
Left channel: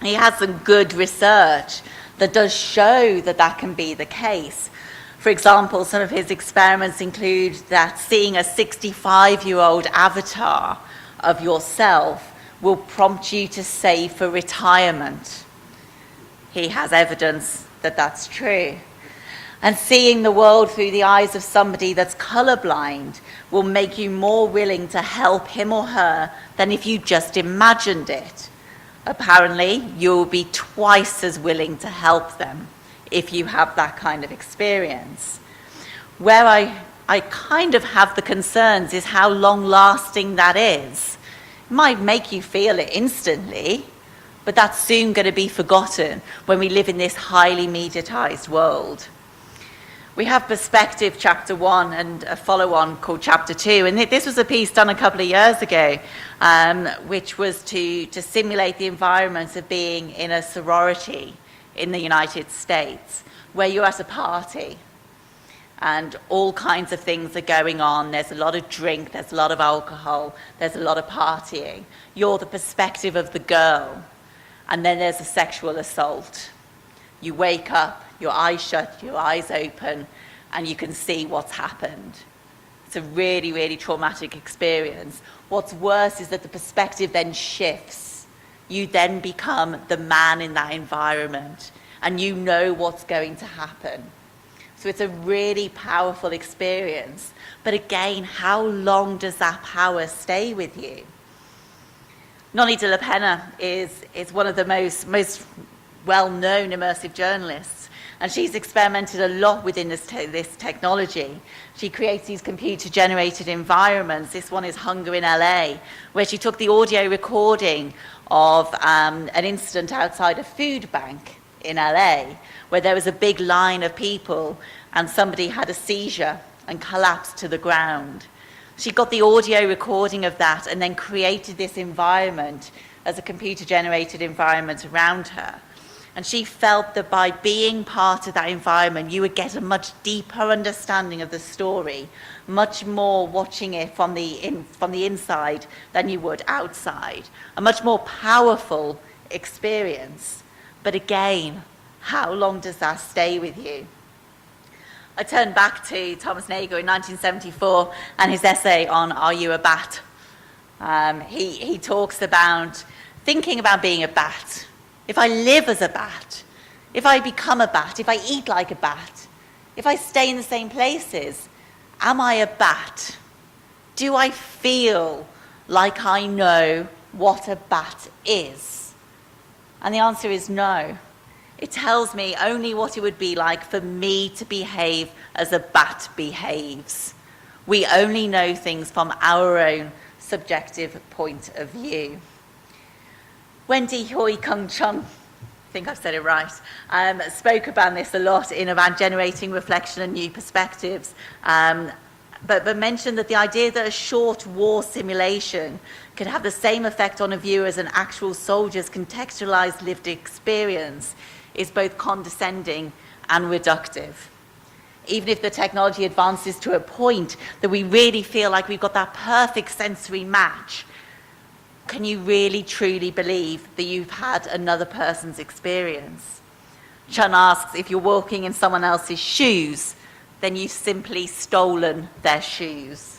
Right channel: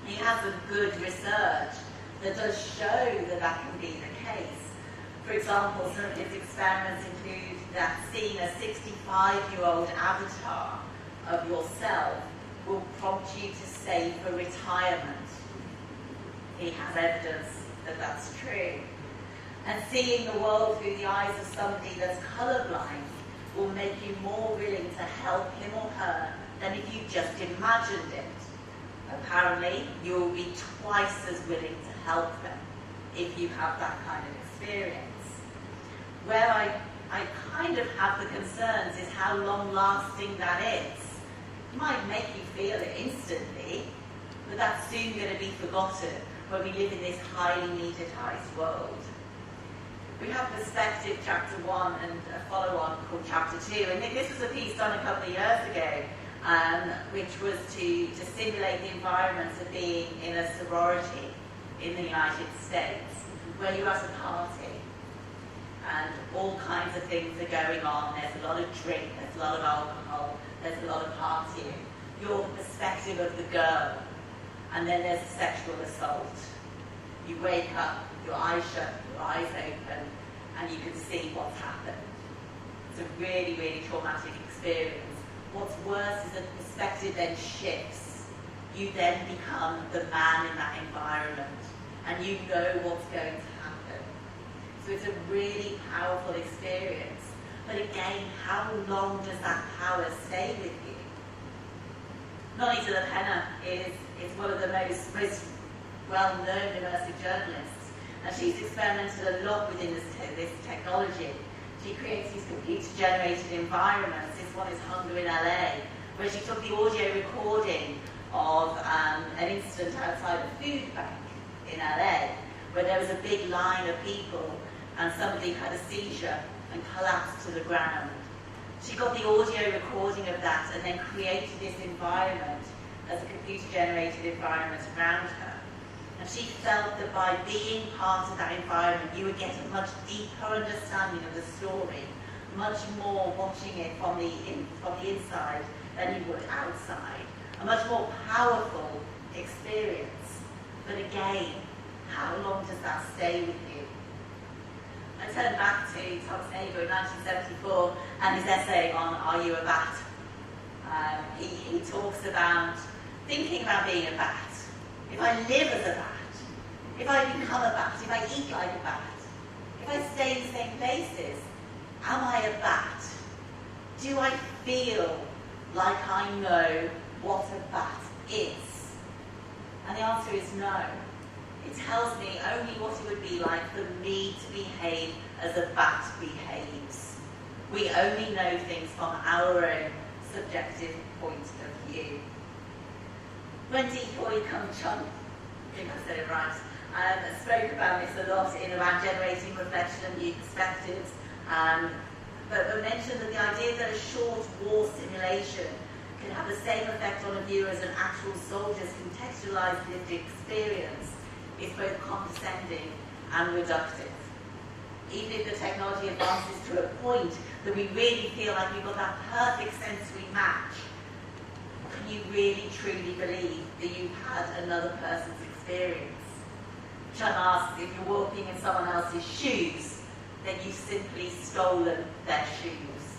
He has some good research that does show that that can be the case. For example, some of his experiments include that seeing a 65-year-old avatar of yourself will prompt you to save for retirement. He has evidence that that's true. And seeing the world through the eyes of somebody that's colorblind will make you more willing to help him or her than if you just imagined it. Apparently, you'll be twice as willing to help them if you have that kind of experience. Where I kind of have the concerns is how long-lasting that is. It might make you feel it instantly, but that's soon going to be forgotten when we live in this highly mediatized world. We have Perspective Chapter 1 and a follow-on called Chapter 2, and this was a piece done a couple of years ago, which was to simulate the environment of being in a sorority in the United States, where you're at a party and all kinds of things are going on. There's a lot of drink, there's a lot of alcohol, there's a lot of partying. You're the perspective of the girl, and then there's a sexual assault. You wake up, your eyes shut, your eyes open, and you can see what's happened. It's a really, really traumatic experience. What's worse is that the perspective then shifts. You then become the man in that environment, and you know what's going to happen. So it's a really powerful experience. But again, how long does that power stay with you? Noni de la Pena is one of the most well-known immersive journalists, and she's experimented a lot within this technology. She creates these computer-generated environments. This one is Hunger in LA, where she took the audio recording of an incident outside a food bank in LA, where there was a big line of people and somebody had a seizure and collapsed to the ground. She got the audio recording of that and then created this environment as a computer-generated environment around her. And she felt that by being part of that environment, you would get a much deeper understanding of the story, much more watching it from the inside than you would outside. A much more powerful experience. But again, how long does that stay with you? I turn back to Thomas Nagel in 1974 and his essay on Are You a Bat? He talks about thinking about being a bat. If I live as a bat, if I become a bat, if I eat like a bat, if I stay in the same places, am I a bat? Do I feel like I know what a bat is? And the answer is no. It tells me only what it would be like for me to behave as a bat behaves. We only know things from our own subjective point of view. Wendy Hoi Kung Chung, I think I've said it right, spoke about this a lot in about generating reflection and new perspectives, but mentioned that the idea that a short war simulation can have the same effect on a viewer as an actual soldier's contextualized lived experience is both condescending and reductive. Even if the technology advances to a point that we really feel like we've got that perfect sensory match, can you really truly believe that you've had another person's experience? Chun asks, if you're walking in someone else's shoes, then you've simply stolen their shoes,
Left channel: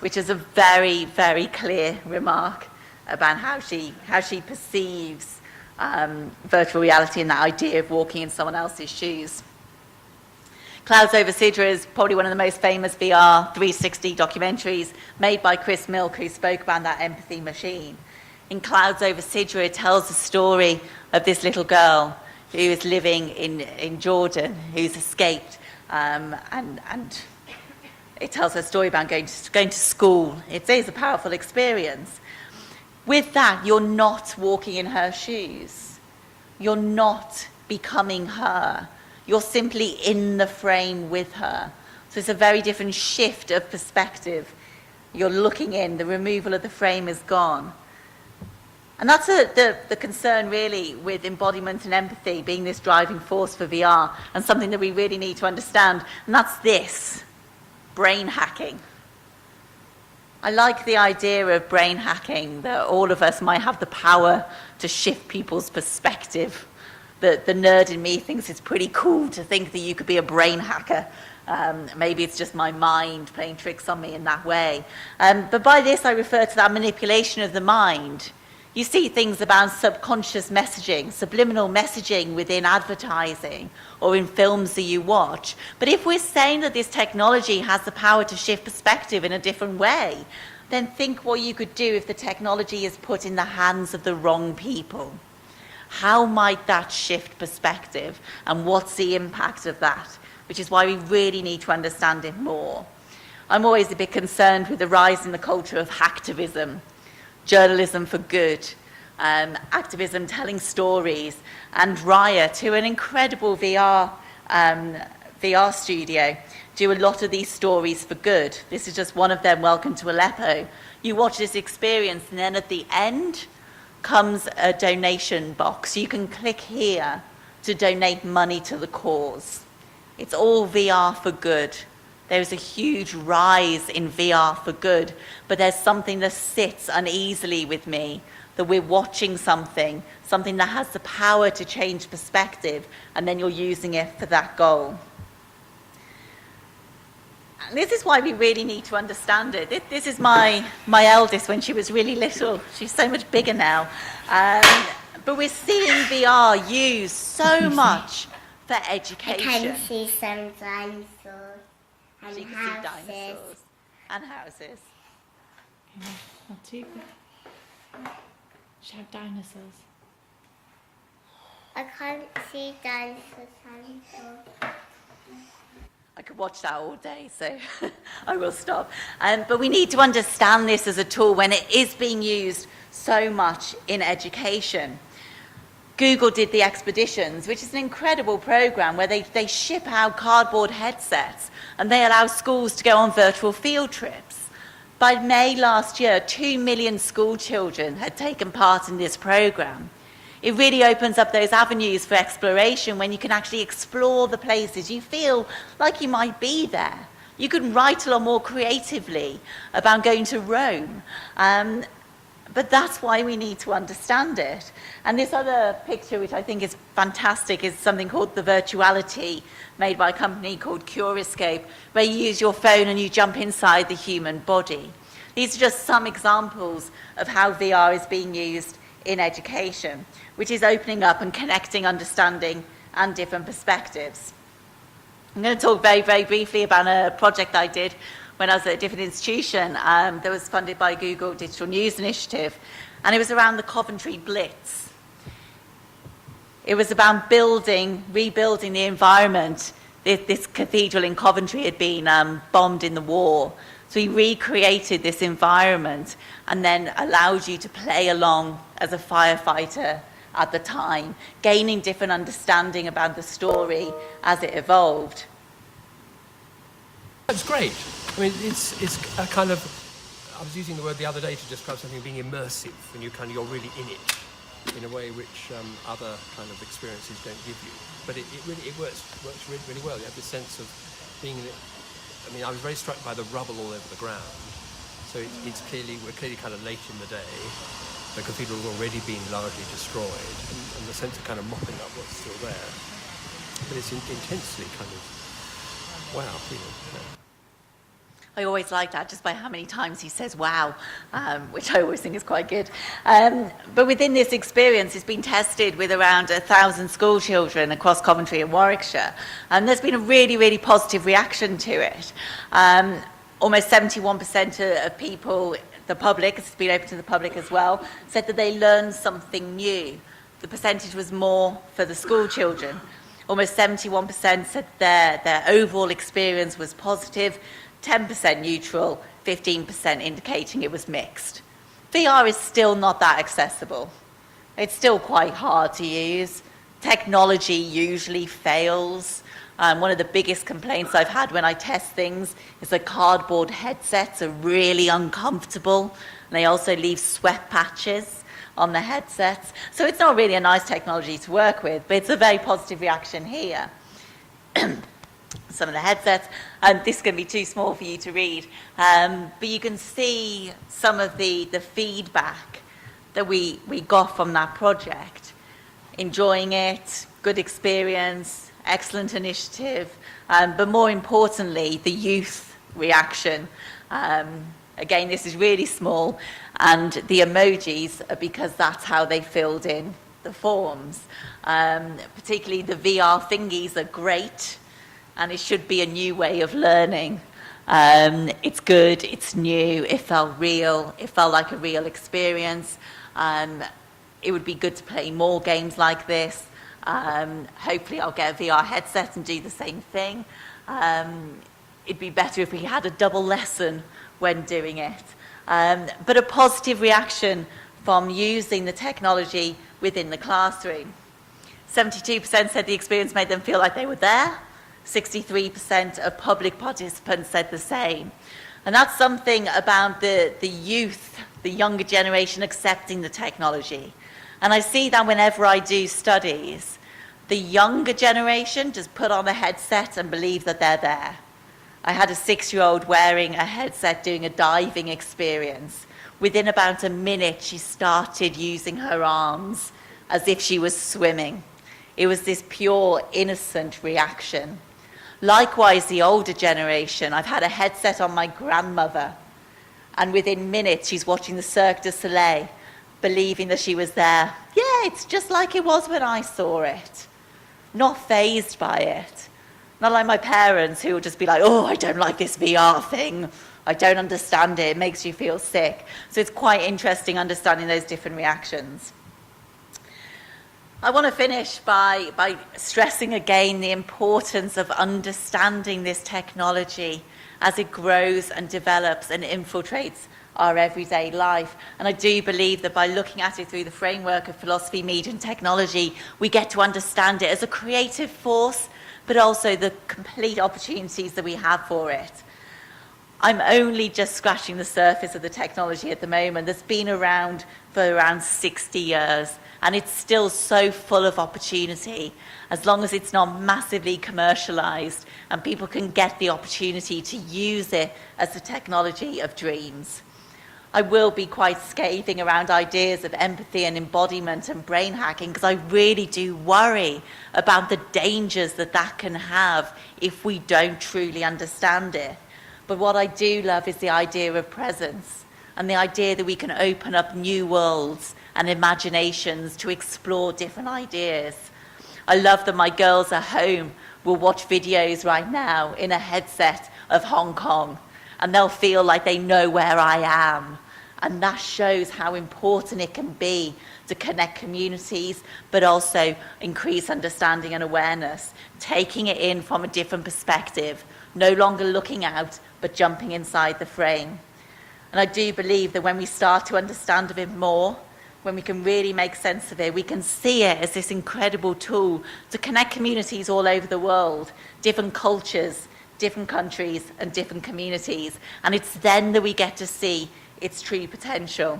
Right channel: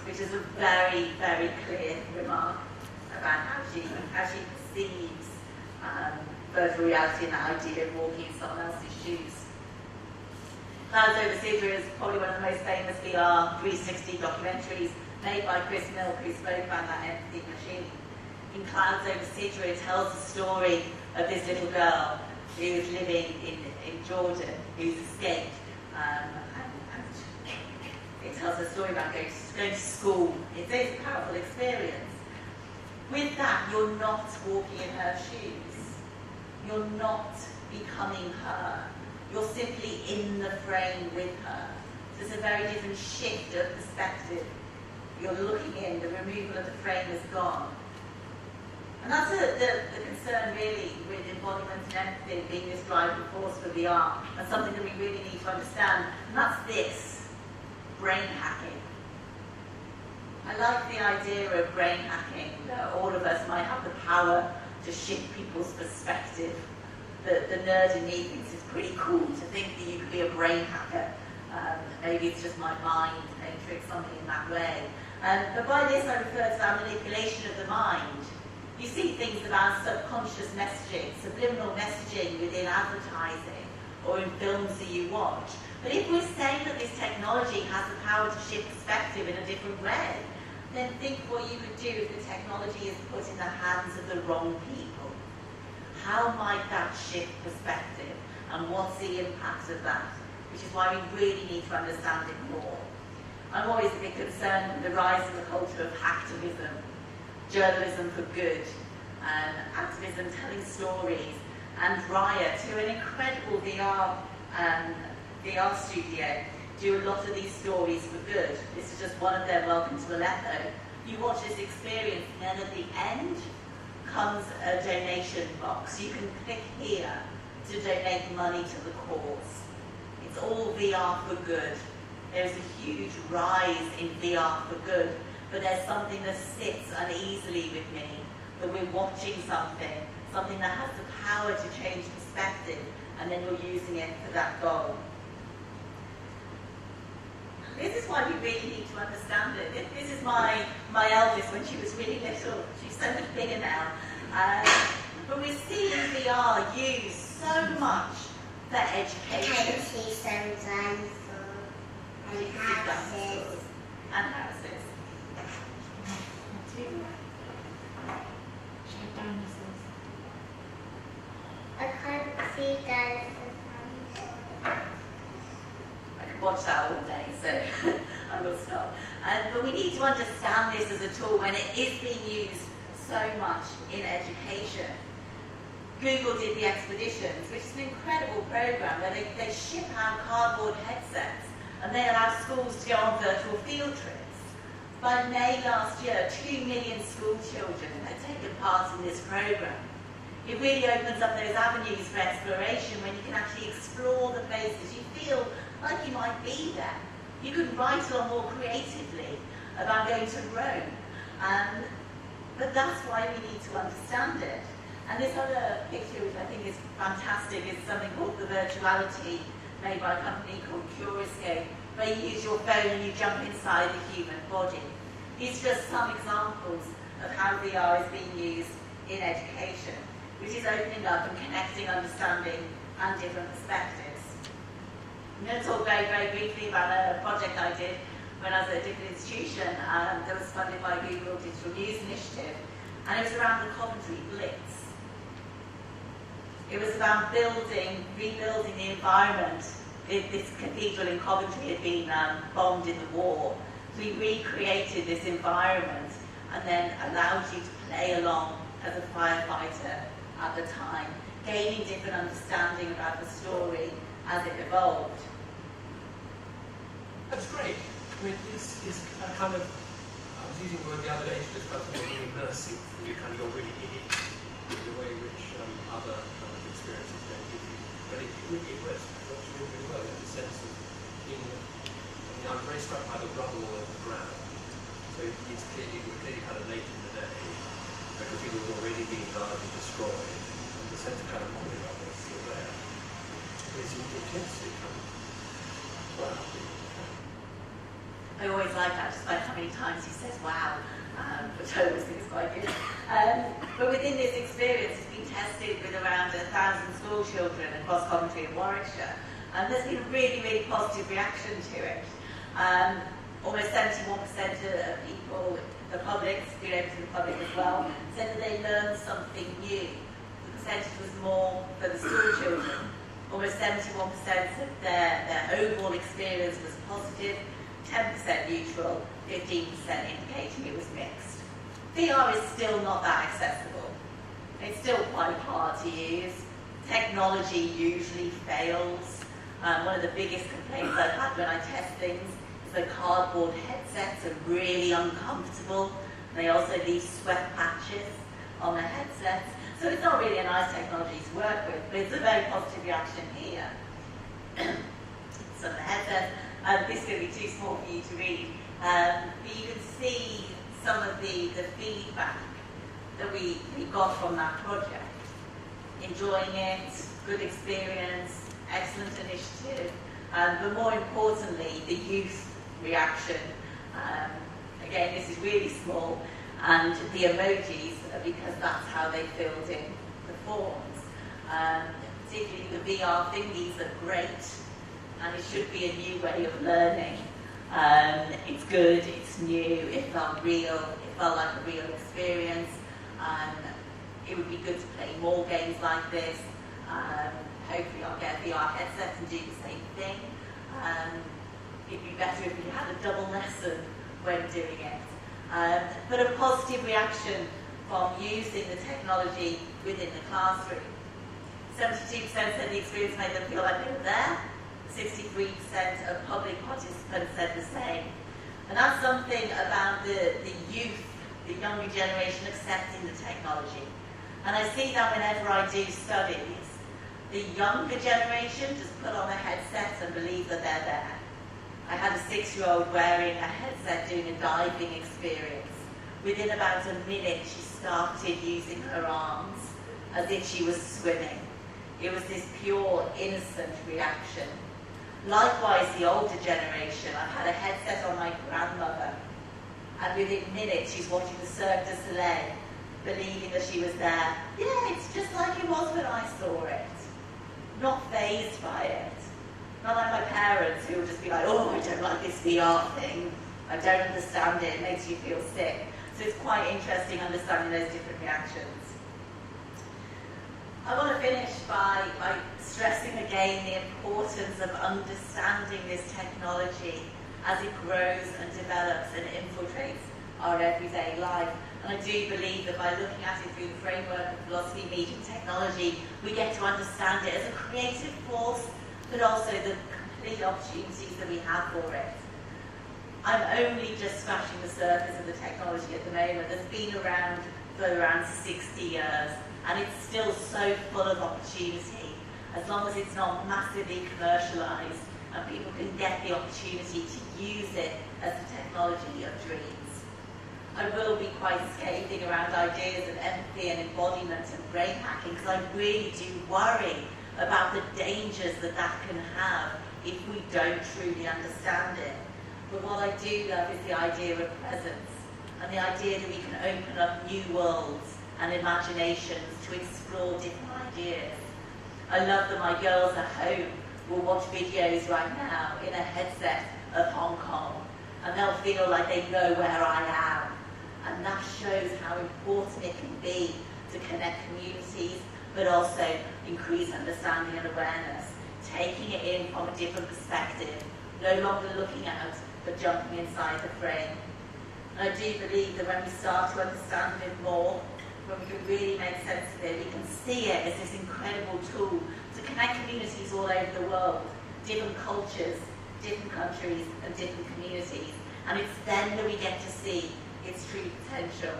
which is a very, very clear remark about how she perceives virtual reality and that idea of walking in someone else's shoes. Clouds Over Sidra is probably one of the most famous VR 360 documentaries made by Chris Milk, who spoke about that empathy machine. In Clouds Over Sidra, it tells the story of this little girl who is living in Jordan, who's escaped, and it tells her story about going to school. It is a powerful experience. With that, you're not walking in her shoes. You're not becoming her. You're simply in the frame with her. So it's a very different shift of perspective. You're looking in, the removal of the frame is gone. And that's the concern really with embodiment and empathy being this driving force for VR, and something that we really need to understand, and that's this, brain hacking. I like the idea of brain hacking, that all of us might have the power to shift people's perspective. The nerd in me thinks it's pretty cool to think that you could be a brain hacker. Maybe it's just my mind playing tricks on me in that way. But by this, I refer to that manipulation of the mind. You see things about subconscious messaging, subliminal messaging within advertising or in films that you watch. But if we're saying that this technology has the power to shift perspective in a different way, then think what you could do if the technology is put in the hands of the wrong people. How might that shift perspective, and what's the impact of that? Which is why we really need to understand it more. I'm always a bit concerned with the rise in the culture of hacktivism, journalism for good, activism telling stories, and Raya, to an incredible VR studio, do a lot of these stories for good. This is just one of them, Welcome to Aleppo. You watch this experience, and then at the end comes a donation box. You can click here to donate money to the cause. It's all VR for good. There's a huge rise in VR for good, but there's something that sits uneasily with me, that we're watching something that has the power to change perspective, and then you're using it for that goal. This is why we really need to understand it. This is my eldest when she was really little. She's so much bigger now. But we're seeing VR used so much for I education. can see some dinosaurs and You can see houses. dinosaurs and houses. Show dinosaurs. I can't see dinosaurs. I could watch that all day, so I will stop. But we need to understand this as a tool when it is being used so much in education. Google did the Expeditions, which is an incredible program where they ship out cardboard headsets and they allow schools to go on virtual field trips. By May last year, 2 million school children had taken part in this program. It really opens up those avenues for exploration when you can actually explore the places. You feel like you might be there. You can write a lot more creatively about going to Rome. But that's why we need to understand it. And this other picture, which I think is fantastic, is something called the Virtuality, made by a company called Curiscope, where you use your phone and you jump inside the human body. These are just some examples of how VR is being used in education, which is opening up and connecting understanding and different perspectives. I'm going to talk very, very briefly about a project I did when I was at a different institution that was funded by Google Digital News Initiative, and it was around the Coventry Blitz. It was about rebuilding the environment. This cathedral in Coventry had been bombed in the war, so we recreated this environment and then allowed you to play along as a firefighter at the time, gaining different understanding about the story as it evolved. That's great. I mean, it's a kind of, I was using the word the other day to describe something being immersive, and you're really in it in a way which other kind of experiences don't give you. But it works really, really well. You have the sense of being in it. I mean, I was very struck by the rubble all over the ground. So we're clearly kind of late in the day. The cathedral has already been largely destroyed, and the sense of kind of mopping up what's still there. But it's intensely kind of, wow. I always like that, just by how many times he says wow, which I always think is quite good. But within this experience, it's been tested with around 1,000 school children across Coventry and Warwickshire. And there's been a really, really positive reaction to it. Almost 71% of people, the public, it's been open to the public as well, said that they learned something new. The percentage was more for the school children. Almost 71% said their overall experience was positive, 10% neutral, 15% indicating it was mixed. VR is still not that accessible. It's still quite hard to use. Technology usually fails. One of the biggest complaints I've had when I test things is the cardboard headsets are really uncomfortable, and they also leave sweat patches on the headsets. So it's not really a nice technology to work with, but it's a very positive reaction here. Some of the headsets, this is going to be too small for you to read, but you can see some of the feedback that we got from that project. Enjoying it, good experience, excellent initiative, but more importantly, the youth reaction. Again, this is really small, and the emojis are because that's how they filled in the forms. Particularly the VR thingies are great, and it should be a new way of learning. It's good, it's new, it felt real, it felt like a real experience. It would be good to play more games like this. Hopefully I'll get a VR headset and do the same thing. It'd be better if we had a double lesson when doing it. But a positive reaction from using the technology within the classroom. 72% said the experience made them feel like they were there. 63% of public participants said the same. And that's something about the youth, the younger generation accepting the technology. And I see that whenever I do studies, the younger generation just put on a headset and believe that they're there. I had a 6-year-old wearing a headset doing a diving experience. Within about a minute, she started using her arms as if she was swimming. It was this pure, innocent reaction. Likewise, the older generation, I've had a headset on my grandmother, and within minutes she's watching the Cirque du Soleil, believing that she was there. Yeah, it's just like it was when I saw it. Not fazed by it. Not like my parents, who will just be like, oh, I don't like this VR thing. I don't understand it. It makes you feel sick. So it's quite interesting understanding those different reactions. I want to finish by stressing again the importance of understanding this technology as it grows and develops and infiltrates our everyday life. And I do believe that by looking at it through the framework of philosophy, media and technology, we get to understand it as a creative force, but also the complete opportunities that we have for it. I'm only just scratching the surface of the technology at the moment. That's been around for around 60 years. And it's still so full of opportunity, as long as it's not massively commercialized and people can get the opportunity to use it as the technology of dreams. I will be quite scathing around ideas of empathy and embodiment and brain hacking, because I really do worry about the dangers that that can have if we don't truly understand it. But what I do love is the idea of presence and the idea that we can open up new worlds and imaginations to explore different ideas. I love that my girls at home will watch videos right now in a headset of Hong Kong, and they'll feel like they know where I am. And that shows how important it can be to connect communities, but also increase understanding and awareness, taking it in from a different perspective, no longer looking out, but jumping inside the frame. And I do believe that when we start to understand a bit more, when we can really make sense of it, we can see it as this incredible tool to connect communities all over the world, different cultures, different countries, and different communities. And it's then that we get to see its true potential.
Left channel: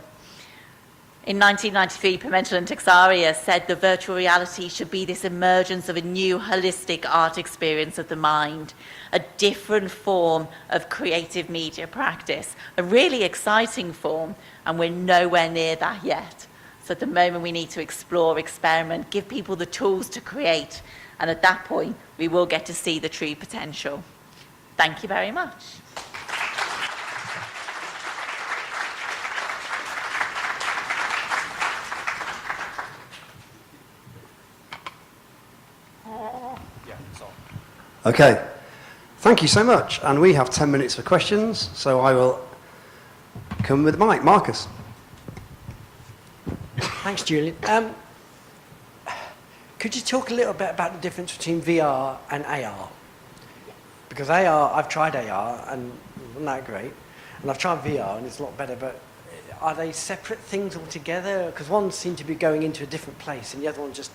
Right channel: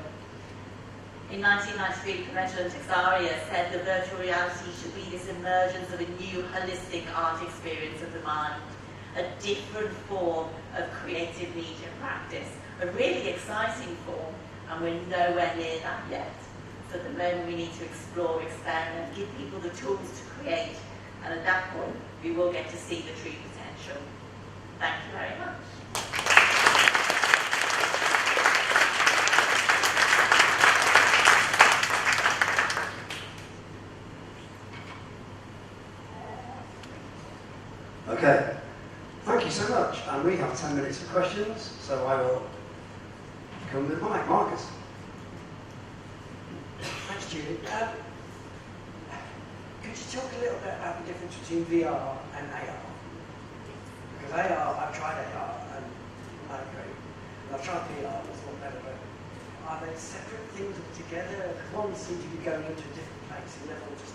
In 1993, Pimentel and Teixeira said the virtual reality should be this emergence of a new holistic art experience of the mind, a different form of creative media practice, a really exciting form, and we're nowhere near that yet. So at the moment we need to explore, experiment, give people the tools to create, and at that point we will get to see the true potential. Thank you very much. Okay, thank you so much. And we have 10 minutes for questions, so I will come with Mike. Marcus. Thanks, Julian. Could you talk a little bit about the difference between VR and AR? Because AR, I've tried AR and it's not that great, and I've tried VR and it's a lot better, but are they separate things altogether? Because one seems to be going into a different place and the other one just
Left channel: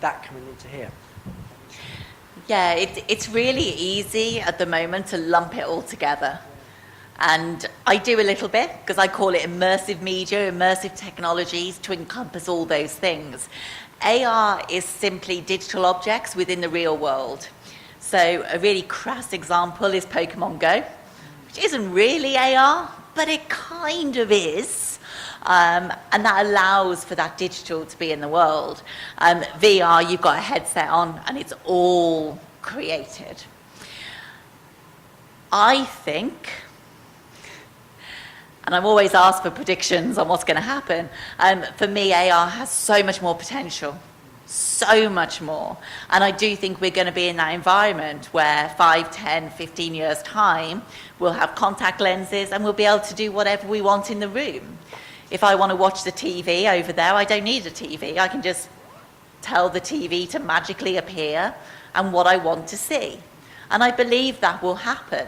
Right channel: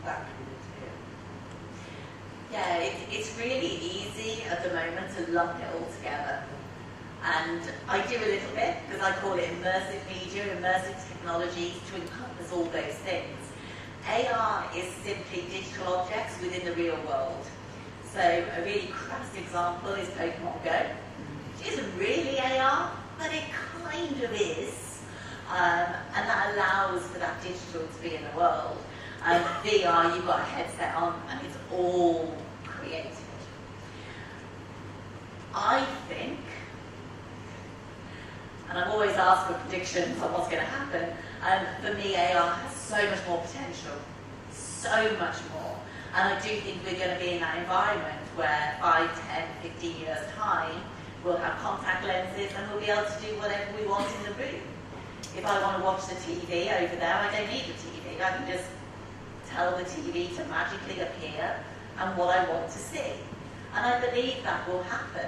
that coming into here. Yeah, it's really easy at the moment to lump it all together. And I do a little bit, because I call it immersive media, immersive technologies, to encompass all those things. AR is simply digital objects within the real world. So a really crass example is Pokemon Go, which isn't really AR, but it kind of is. And that allows for that digital to be in the world. VR, you've got a headset on and it's all created. I think, and I'm always asked for predictions on what's going to happen, for me AR has so much more potential, so much more. And I do think we're going to be in that environment where 5, 10, 15 years time, we'll have contact lenses and we'll be able to do whatever we want in the room. If I want to watch the TV over there, I don't need a TV. I can just tell the TV to magically appear and what I want to see. And I believe that will happen.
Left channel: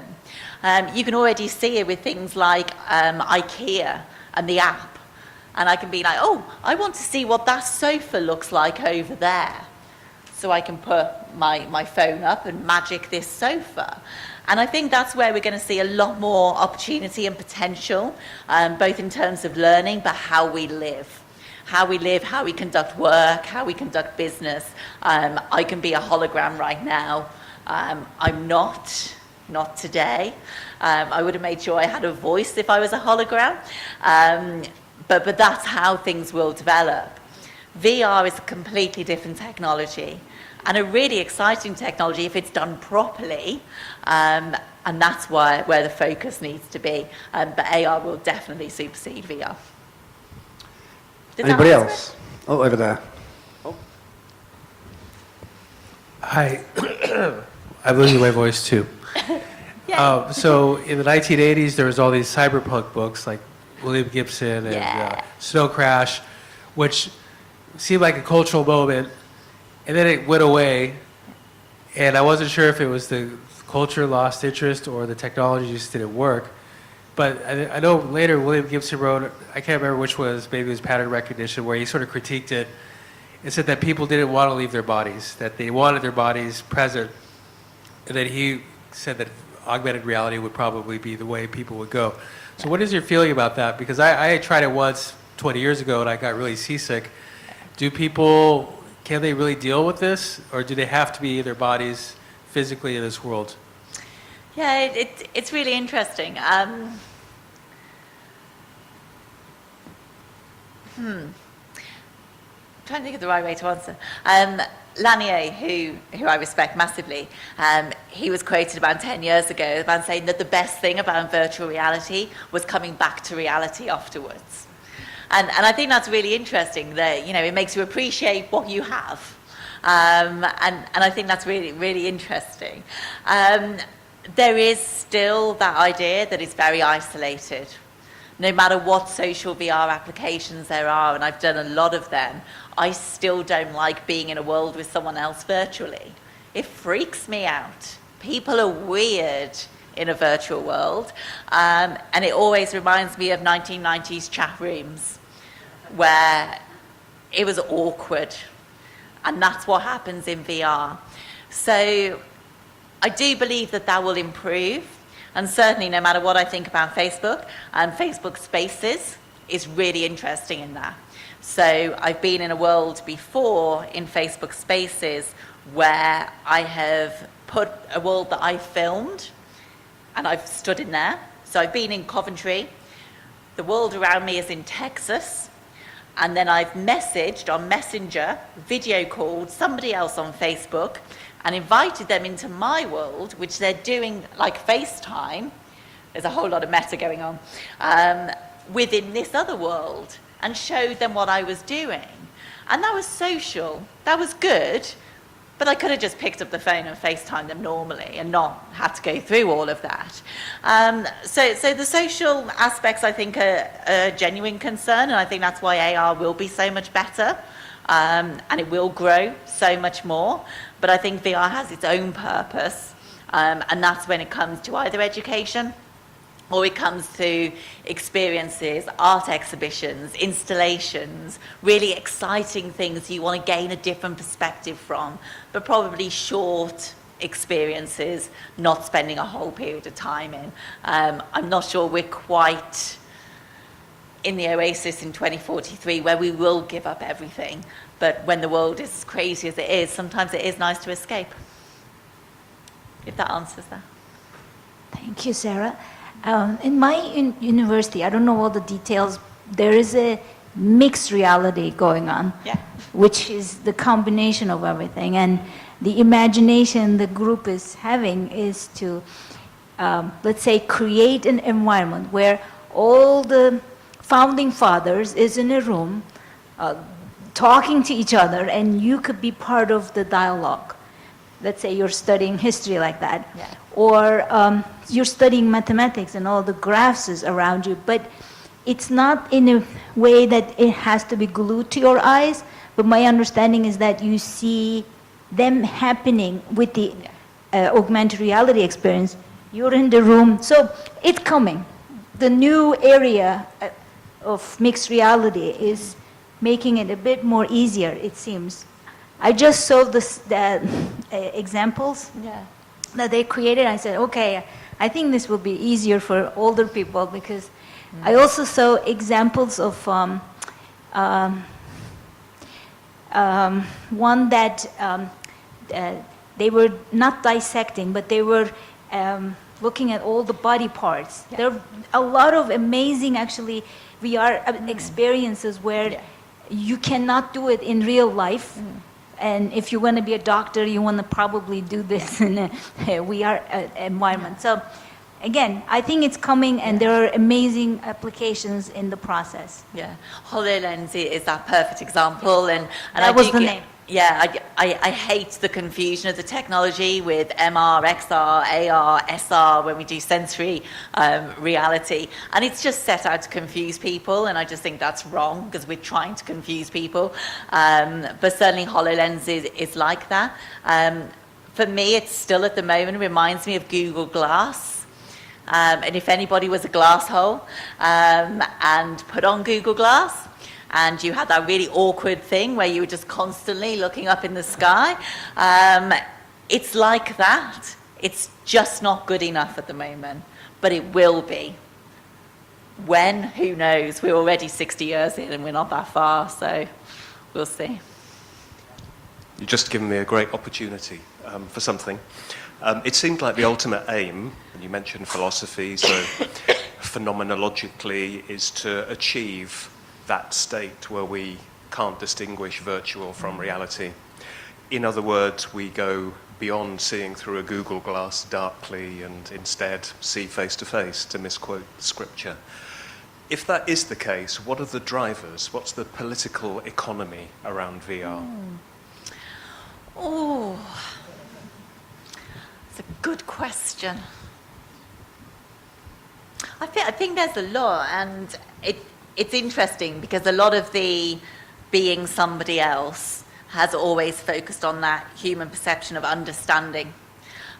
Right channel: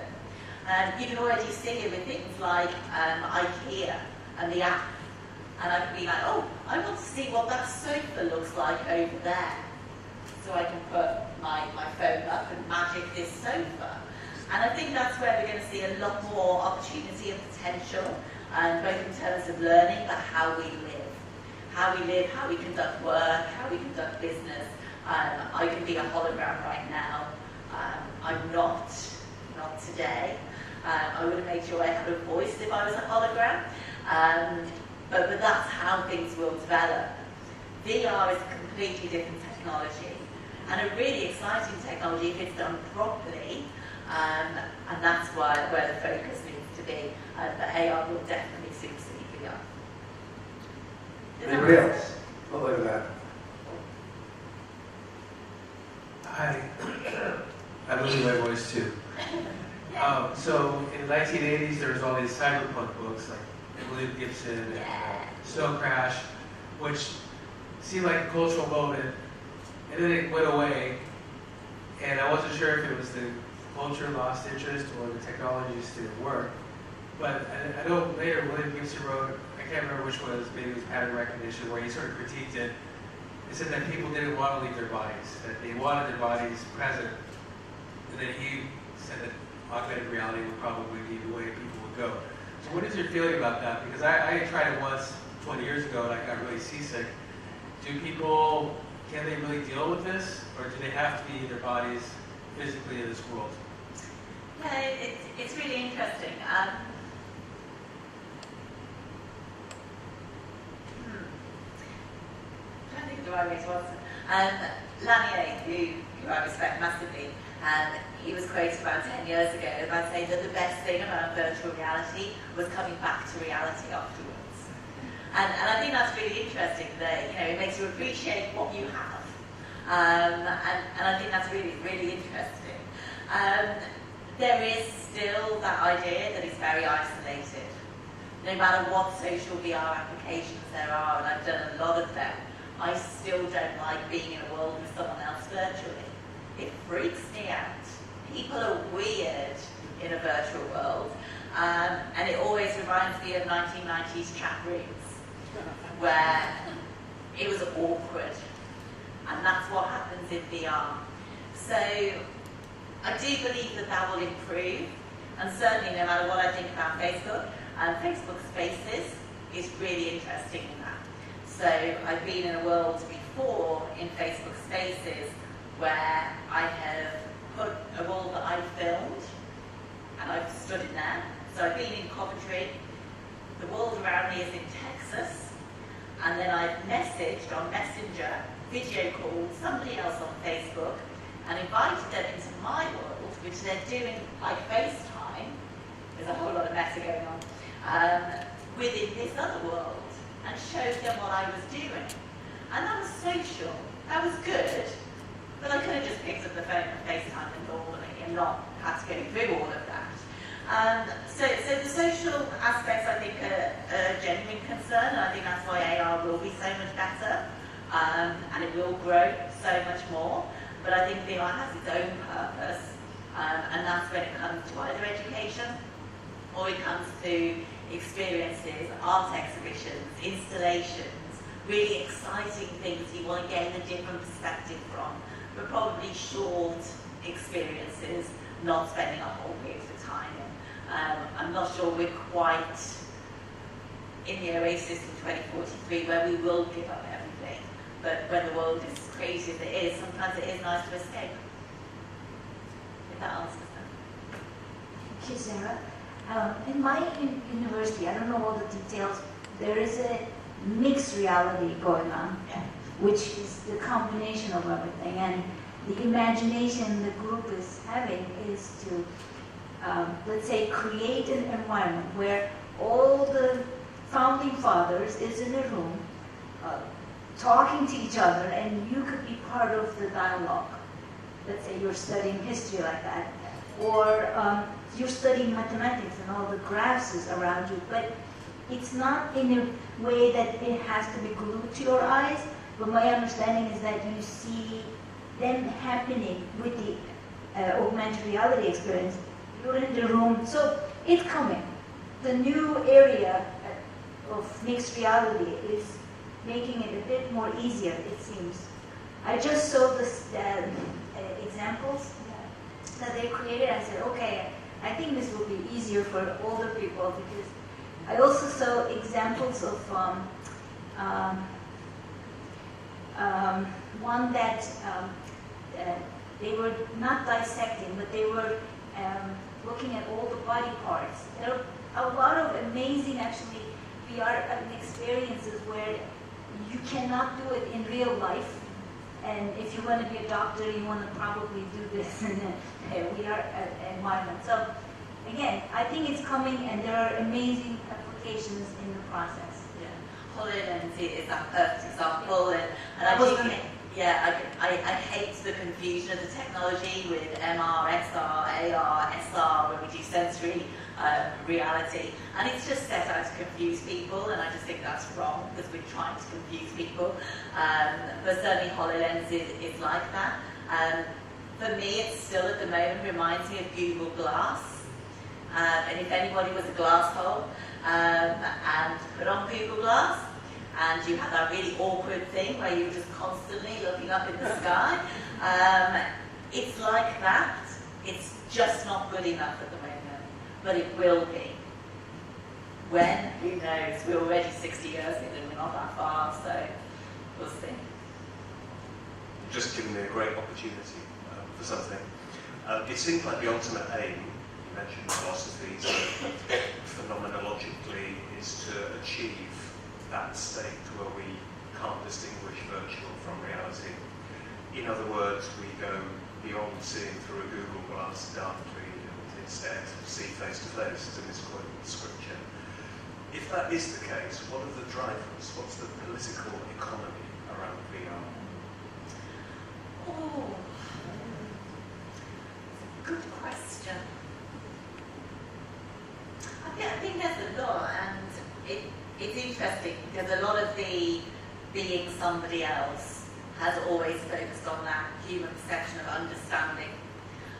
You can already see it with things like IKEA and the app. And I can be like, oh, I want to see what that sofa looks like over there. So I can put my phone up and magic this sofa. And I think that's where we're going to see a lot more opportunity and potential, both in terms of learning, but how we live. How we live, how we conduct work, how we conduct business. I can be a hologram right now. I'm not today. I would have made sure I had a voice if I was a hologram. But that's how things will develop. VR is a completely different technology. and a really exciting technology if it's done properly, and that's where the focus needs to be. But AR will definitely supersede VR. Does that Anybody answer else? Oh, over there. Hi, I'm losing my voice too. So in the 1980s, there was all these cyberpunk books like William Gibson and Snow Crash, which seemed like a cultural moment, and then it went away, and I wasn't sure if it was the culture lost interest or the technology just didn't work. But I know later William Gibson wrote, I can't remember which was, maybe it was Pattern Recognition, where he sort of critiqued it and said that people didn't want to leave their bodies, that they wanted their bodies present, and that he said that augmented reality would probably be the way people would go. So what is your feeling about that? Because I tried it once 20 years ago and I got really seasick. Do people, can they really deal with this, or do they have to be in their bodies physically in this world? Yeah, it's really interesting. Trying to think of the right way to answer. Lanier, who I respect massively, he was quoted about 10 years ago about saying that the best thing about virtual reality was coming back to reality afterwards. And I think that's really interesting, that, you know, it makes you appreciate what you have. And I think that's really, really interesting. There is still that idea that it's very isolated. No matter what social VR applications there are, and I've done a lot of them, I still don't like being in a world with someone else virtually. It freaks me out. People are weird in a virtual world, and it always reminds me of 1990s chat rooms where it was awkward, and that's what happens in VR. So I do believe that that will improve, and certainly no matter what I think about Facebook, and Facebook Spaces is really interesting in that. So I've been in a world before in Facebook Spaces where I have put a world that I filmed and I've stood in there. So I've been in Coventry, the world around me is in Texas, and then I've messaged on Messenger, video called somebody else on Facebook and invited them into my world, which they're doing like FaceTime. There's a whole lot of meta going on within this other world, and showed them what I was doing. And that was social, that was good, but I could have just picked up the phone and FaceTimed them normally and not had to go through all of that. So the social aspects, I think, are a genuine concern, and I think that's why AR will be so much better, and it will grow so much more. But I think VR has its own purpose, and that's when it comes to either education, or it comes to experiences, art exhibitions, installations, really exciting things you want to gain a different perspective from, but probably short experiences, not spending a whole period of time in. I'm not sure we're quite in the oasis in 2043 where we will give up everything, but when the world is as crazy as it is, sometimes it is nice to escape. If that answers that. Thank you, Sarah. In my university, I don't know all the details, there is a mixed reality going on, which is the combination of everything. And the imagination the group is having is to, let's say, create an environment where all the founding fathers is in a room talking to each other, and you could be part of the dialogue. Let's say you're studying history like that. Or you're studying mathematics and all the graphs is around you, but it's not in a way that it has to be glued to your eyes, but my understanding is that you see them happening with the augmented reality experience. You're in the room, so it's coming. The new area of mixed reality is making it a bit more easier, it seems. I just saw the examples that they created. I said, okay, I think this will be easier for older people, because I also saw examples of one that they were not dissecting, but they were looking at all the body parts. There are a lot of amazing, actually, VR experiences where you cannot do it in real life. And if you want to be a doctor, you want to probably do this in a VR environment. So again, I think it's coming, and there are amazing applications in the process. Yeah, HoloLens is that perfect example, and That I was do the get- name. Yeah, I hate the confusion of the technology with MR, XR, AR, SR when we do sensory reality, and it's just set out to confuse people, and I just think that's wrong because we're trying to confuse people. But certainly HoloLens is like that. For me, it's still at the moment reminds me of Google Glass. And if anybody was a glass hole and put on Google Glass, and you had that really awkward thing where you were just constantly looking up in the sky, it's like that. It's just not good enough at the moment, but it will be. When? Who knows? We're already 60 years in and we're not that far, so we'll see. You've just given me a great opportunity for something. It seemed like the ultimate aim, you mentioned philosophy, so phenomenologically, is to achieve that state where we can't distinguish virtual from reality. In other words, we go beyond seeing through a Google Glass darkly and instead see face to face, to misquote scripture. If that is the case, what are the drivers? What's the political economy around VR? Oh, it's a good question. I think there's a lot, and it's interesting because a lot of the being somebody else has always focused on that human perception of understanding,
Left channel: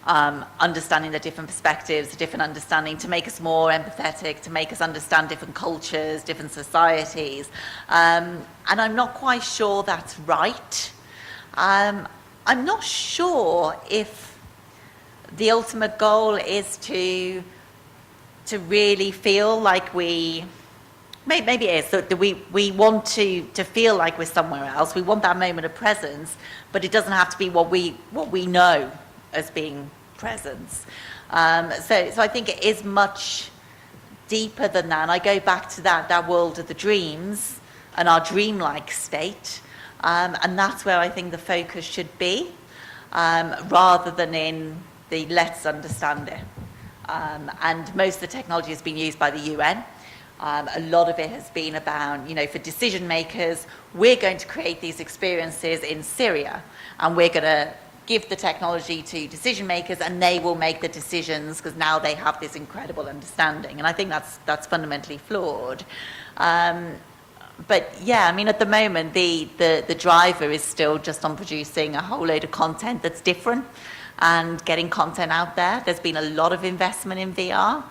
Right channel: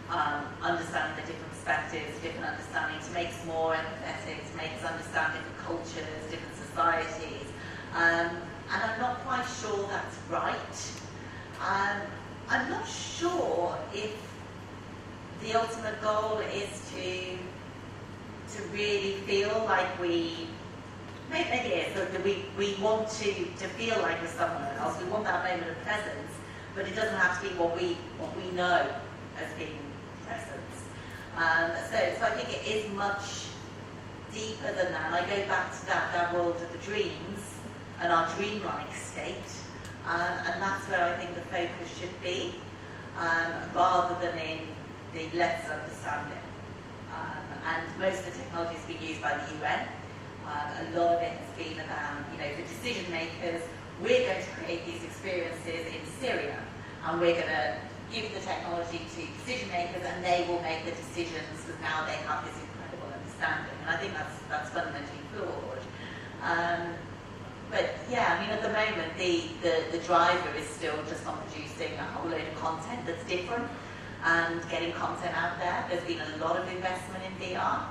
understanding the different perspectives, the different understanding, to make us more empathetic, to make us understand different cultures, different societies. And I'm not quite sure that's right. I'm not sure if the ultimate goal is to really feel like maybe it is, that we want to feel like we're somewhere else. We want that moment of presence, but it doesn't have to be what we know as being presence. So I think it is much deeper than that. And I go back to that world of the dreams and our dreamlike state, and that's where I think the focus should be, rather than in the let's understand it. And most of the technology has been used by the UN. A lot of it has been about, for decision makers, we're going to create these experiences in Syria, and we're going to give the technology to decision makers, and they will make the decisions because now they have this incredible understanding. And I think that's fundamentally flawed. But yeah, at the moment, the driver is still just on producing a whole load of content that's different and getting content out there. There's been a lot of investment in VR.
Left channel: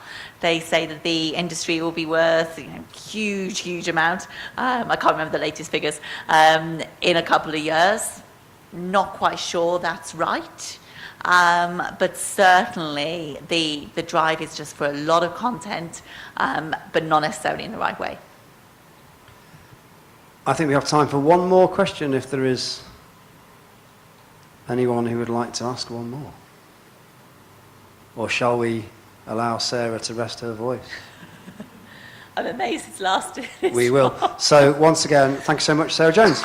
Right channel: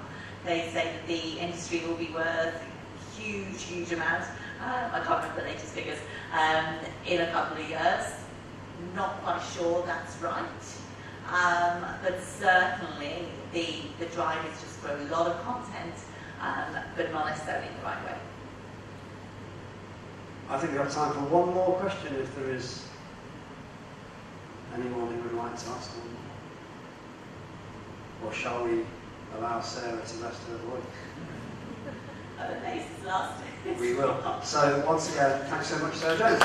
They say that the industry will be worth huge amount. I can't remember the latest figures, in a couple of years. Not quite sure that's right. But certainly the drive is just for a lot of content, but not necessarily in the right way. I think we have time for one more question if there is anyone who would like to ask one more. Or shall we allow Sarah to rest her voice? I'm amazed it's lasted. We will. So once again, thank you so much, Sarah Jones.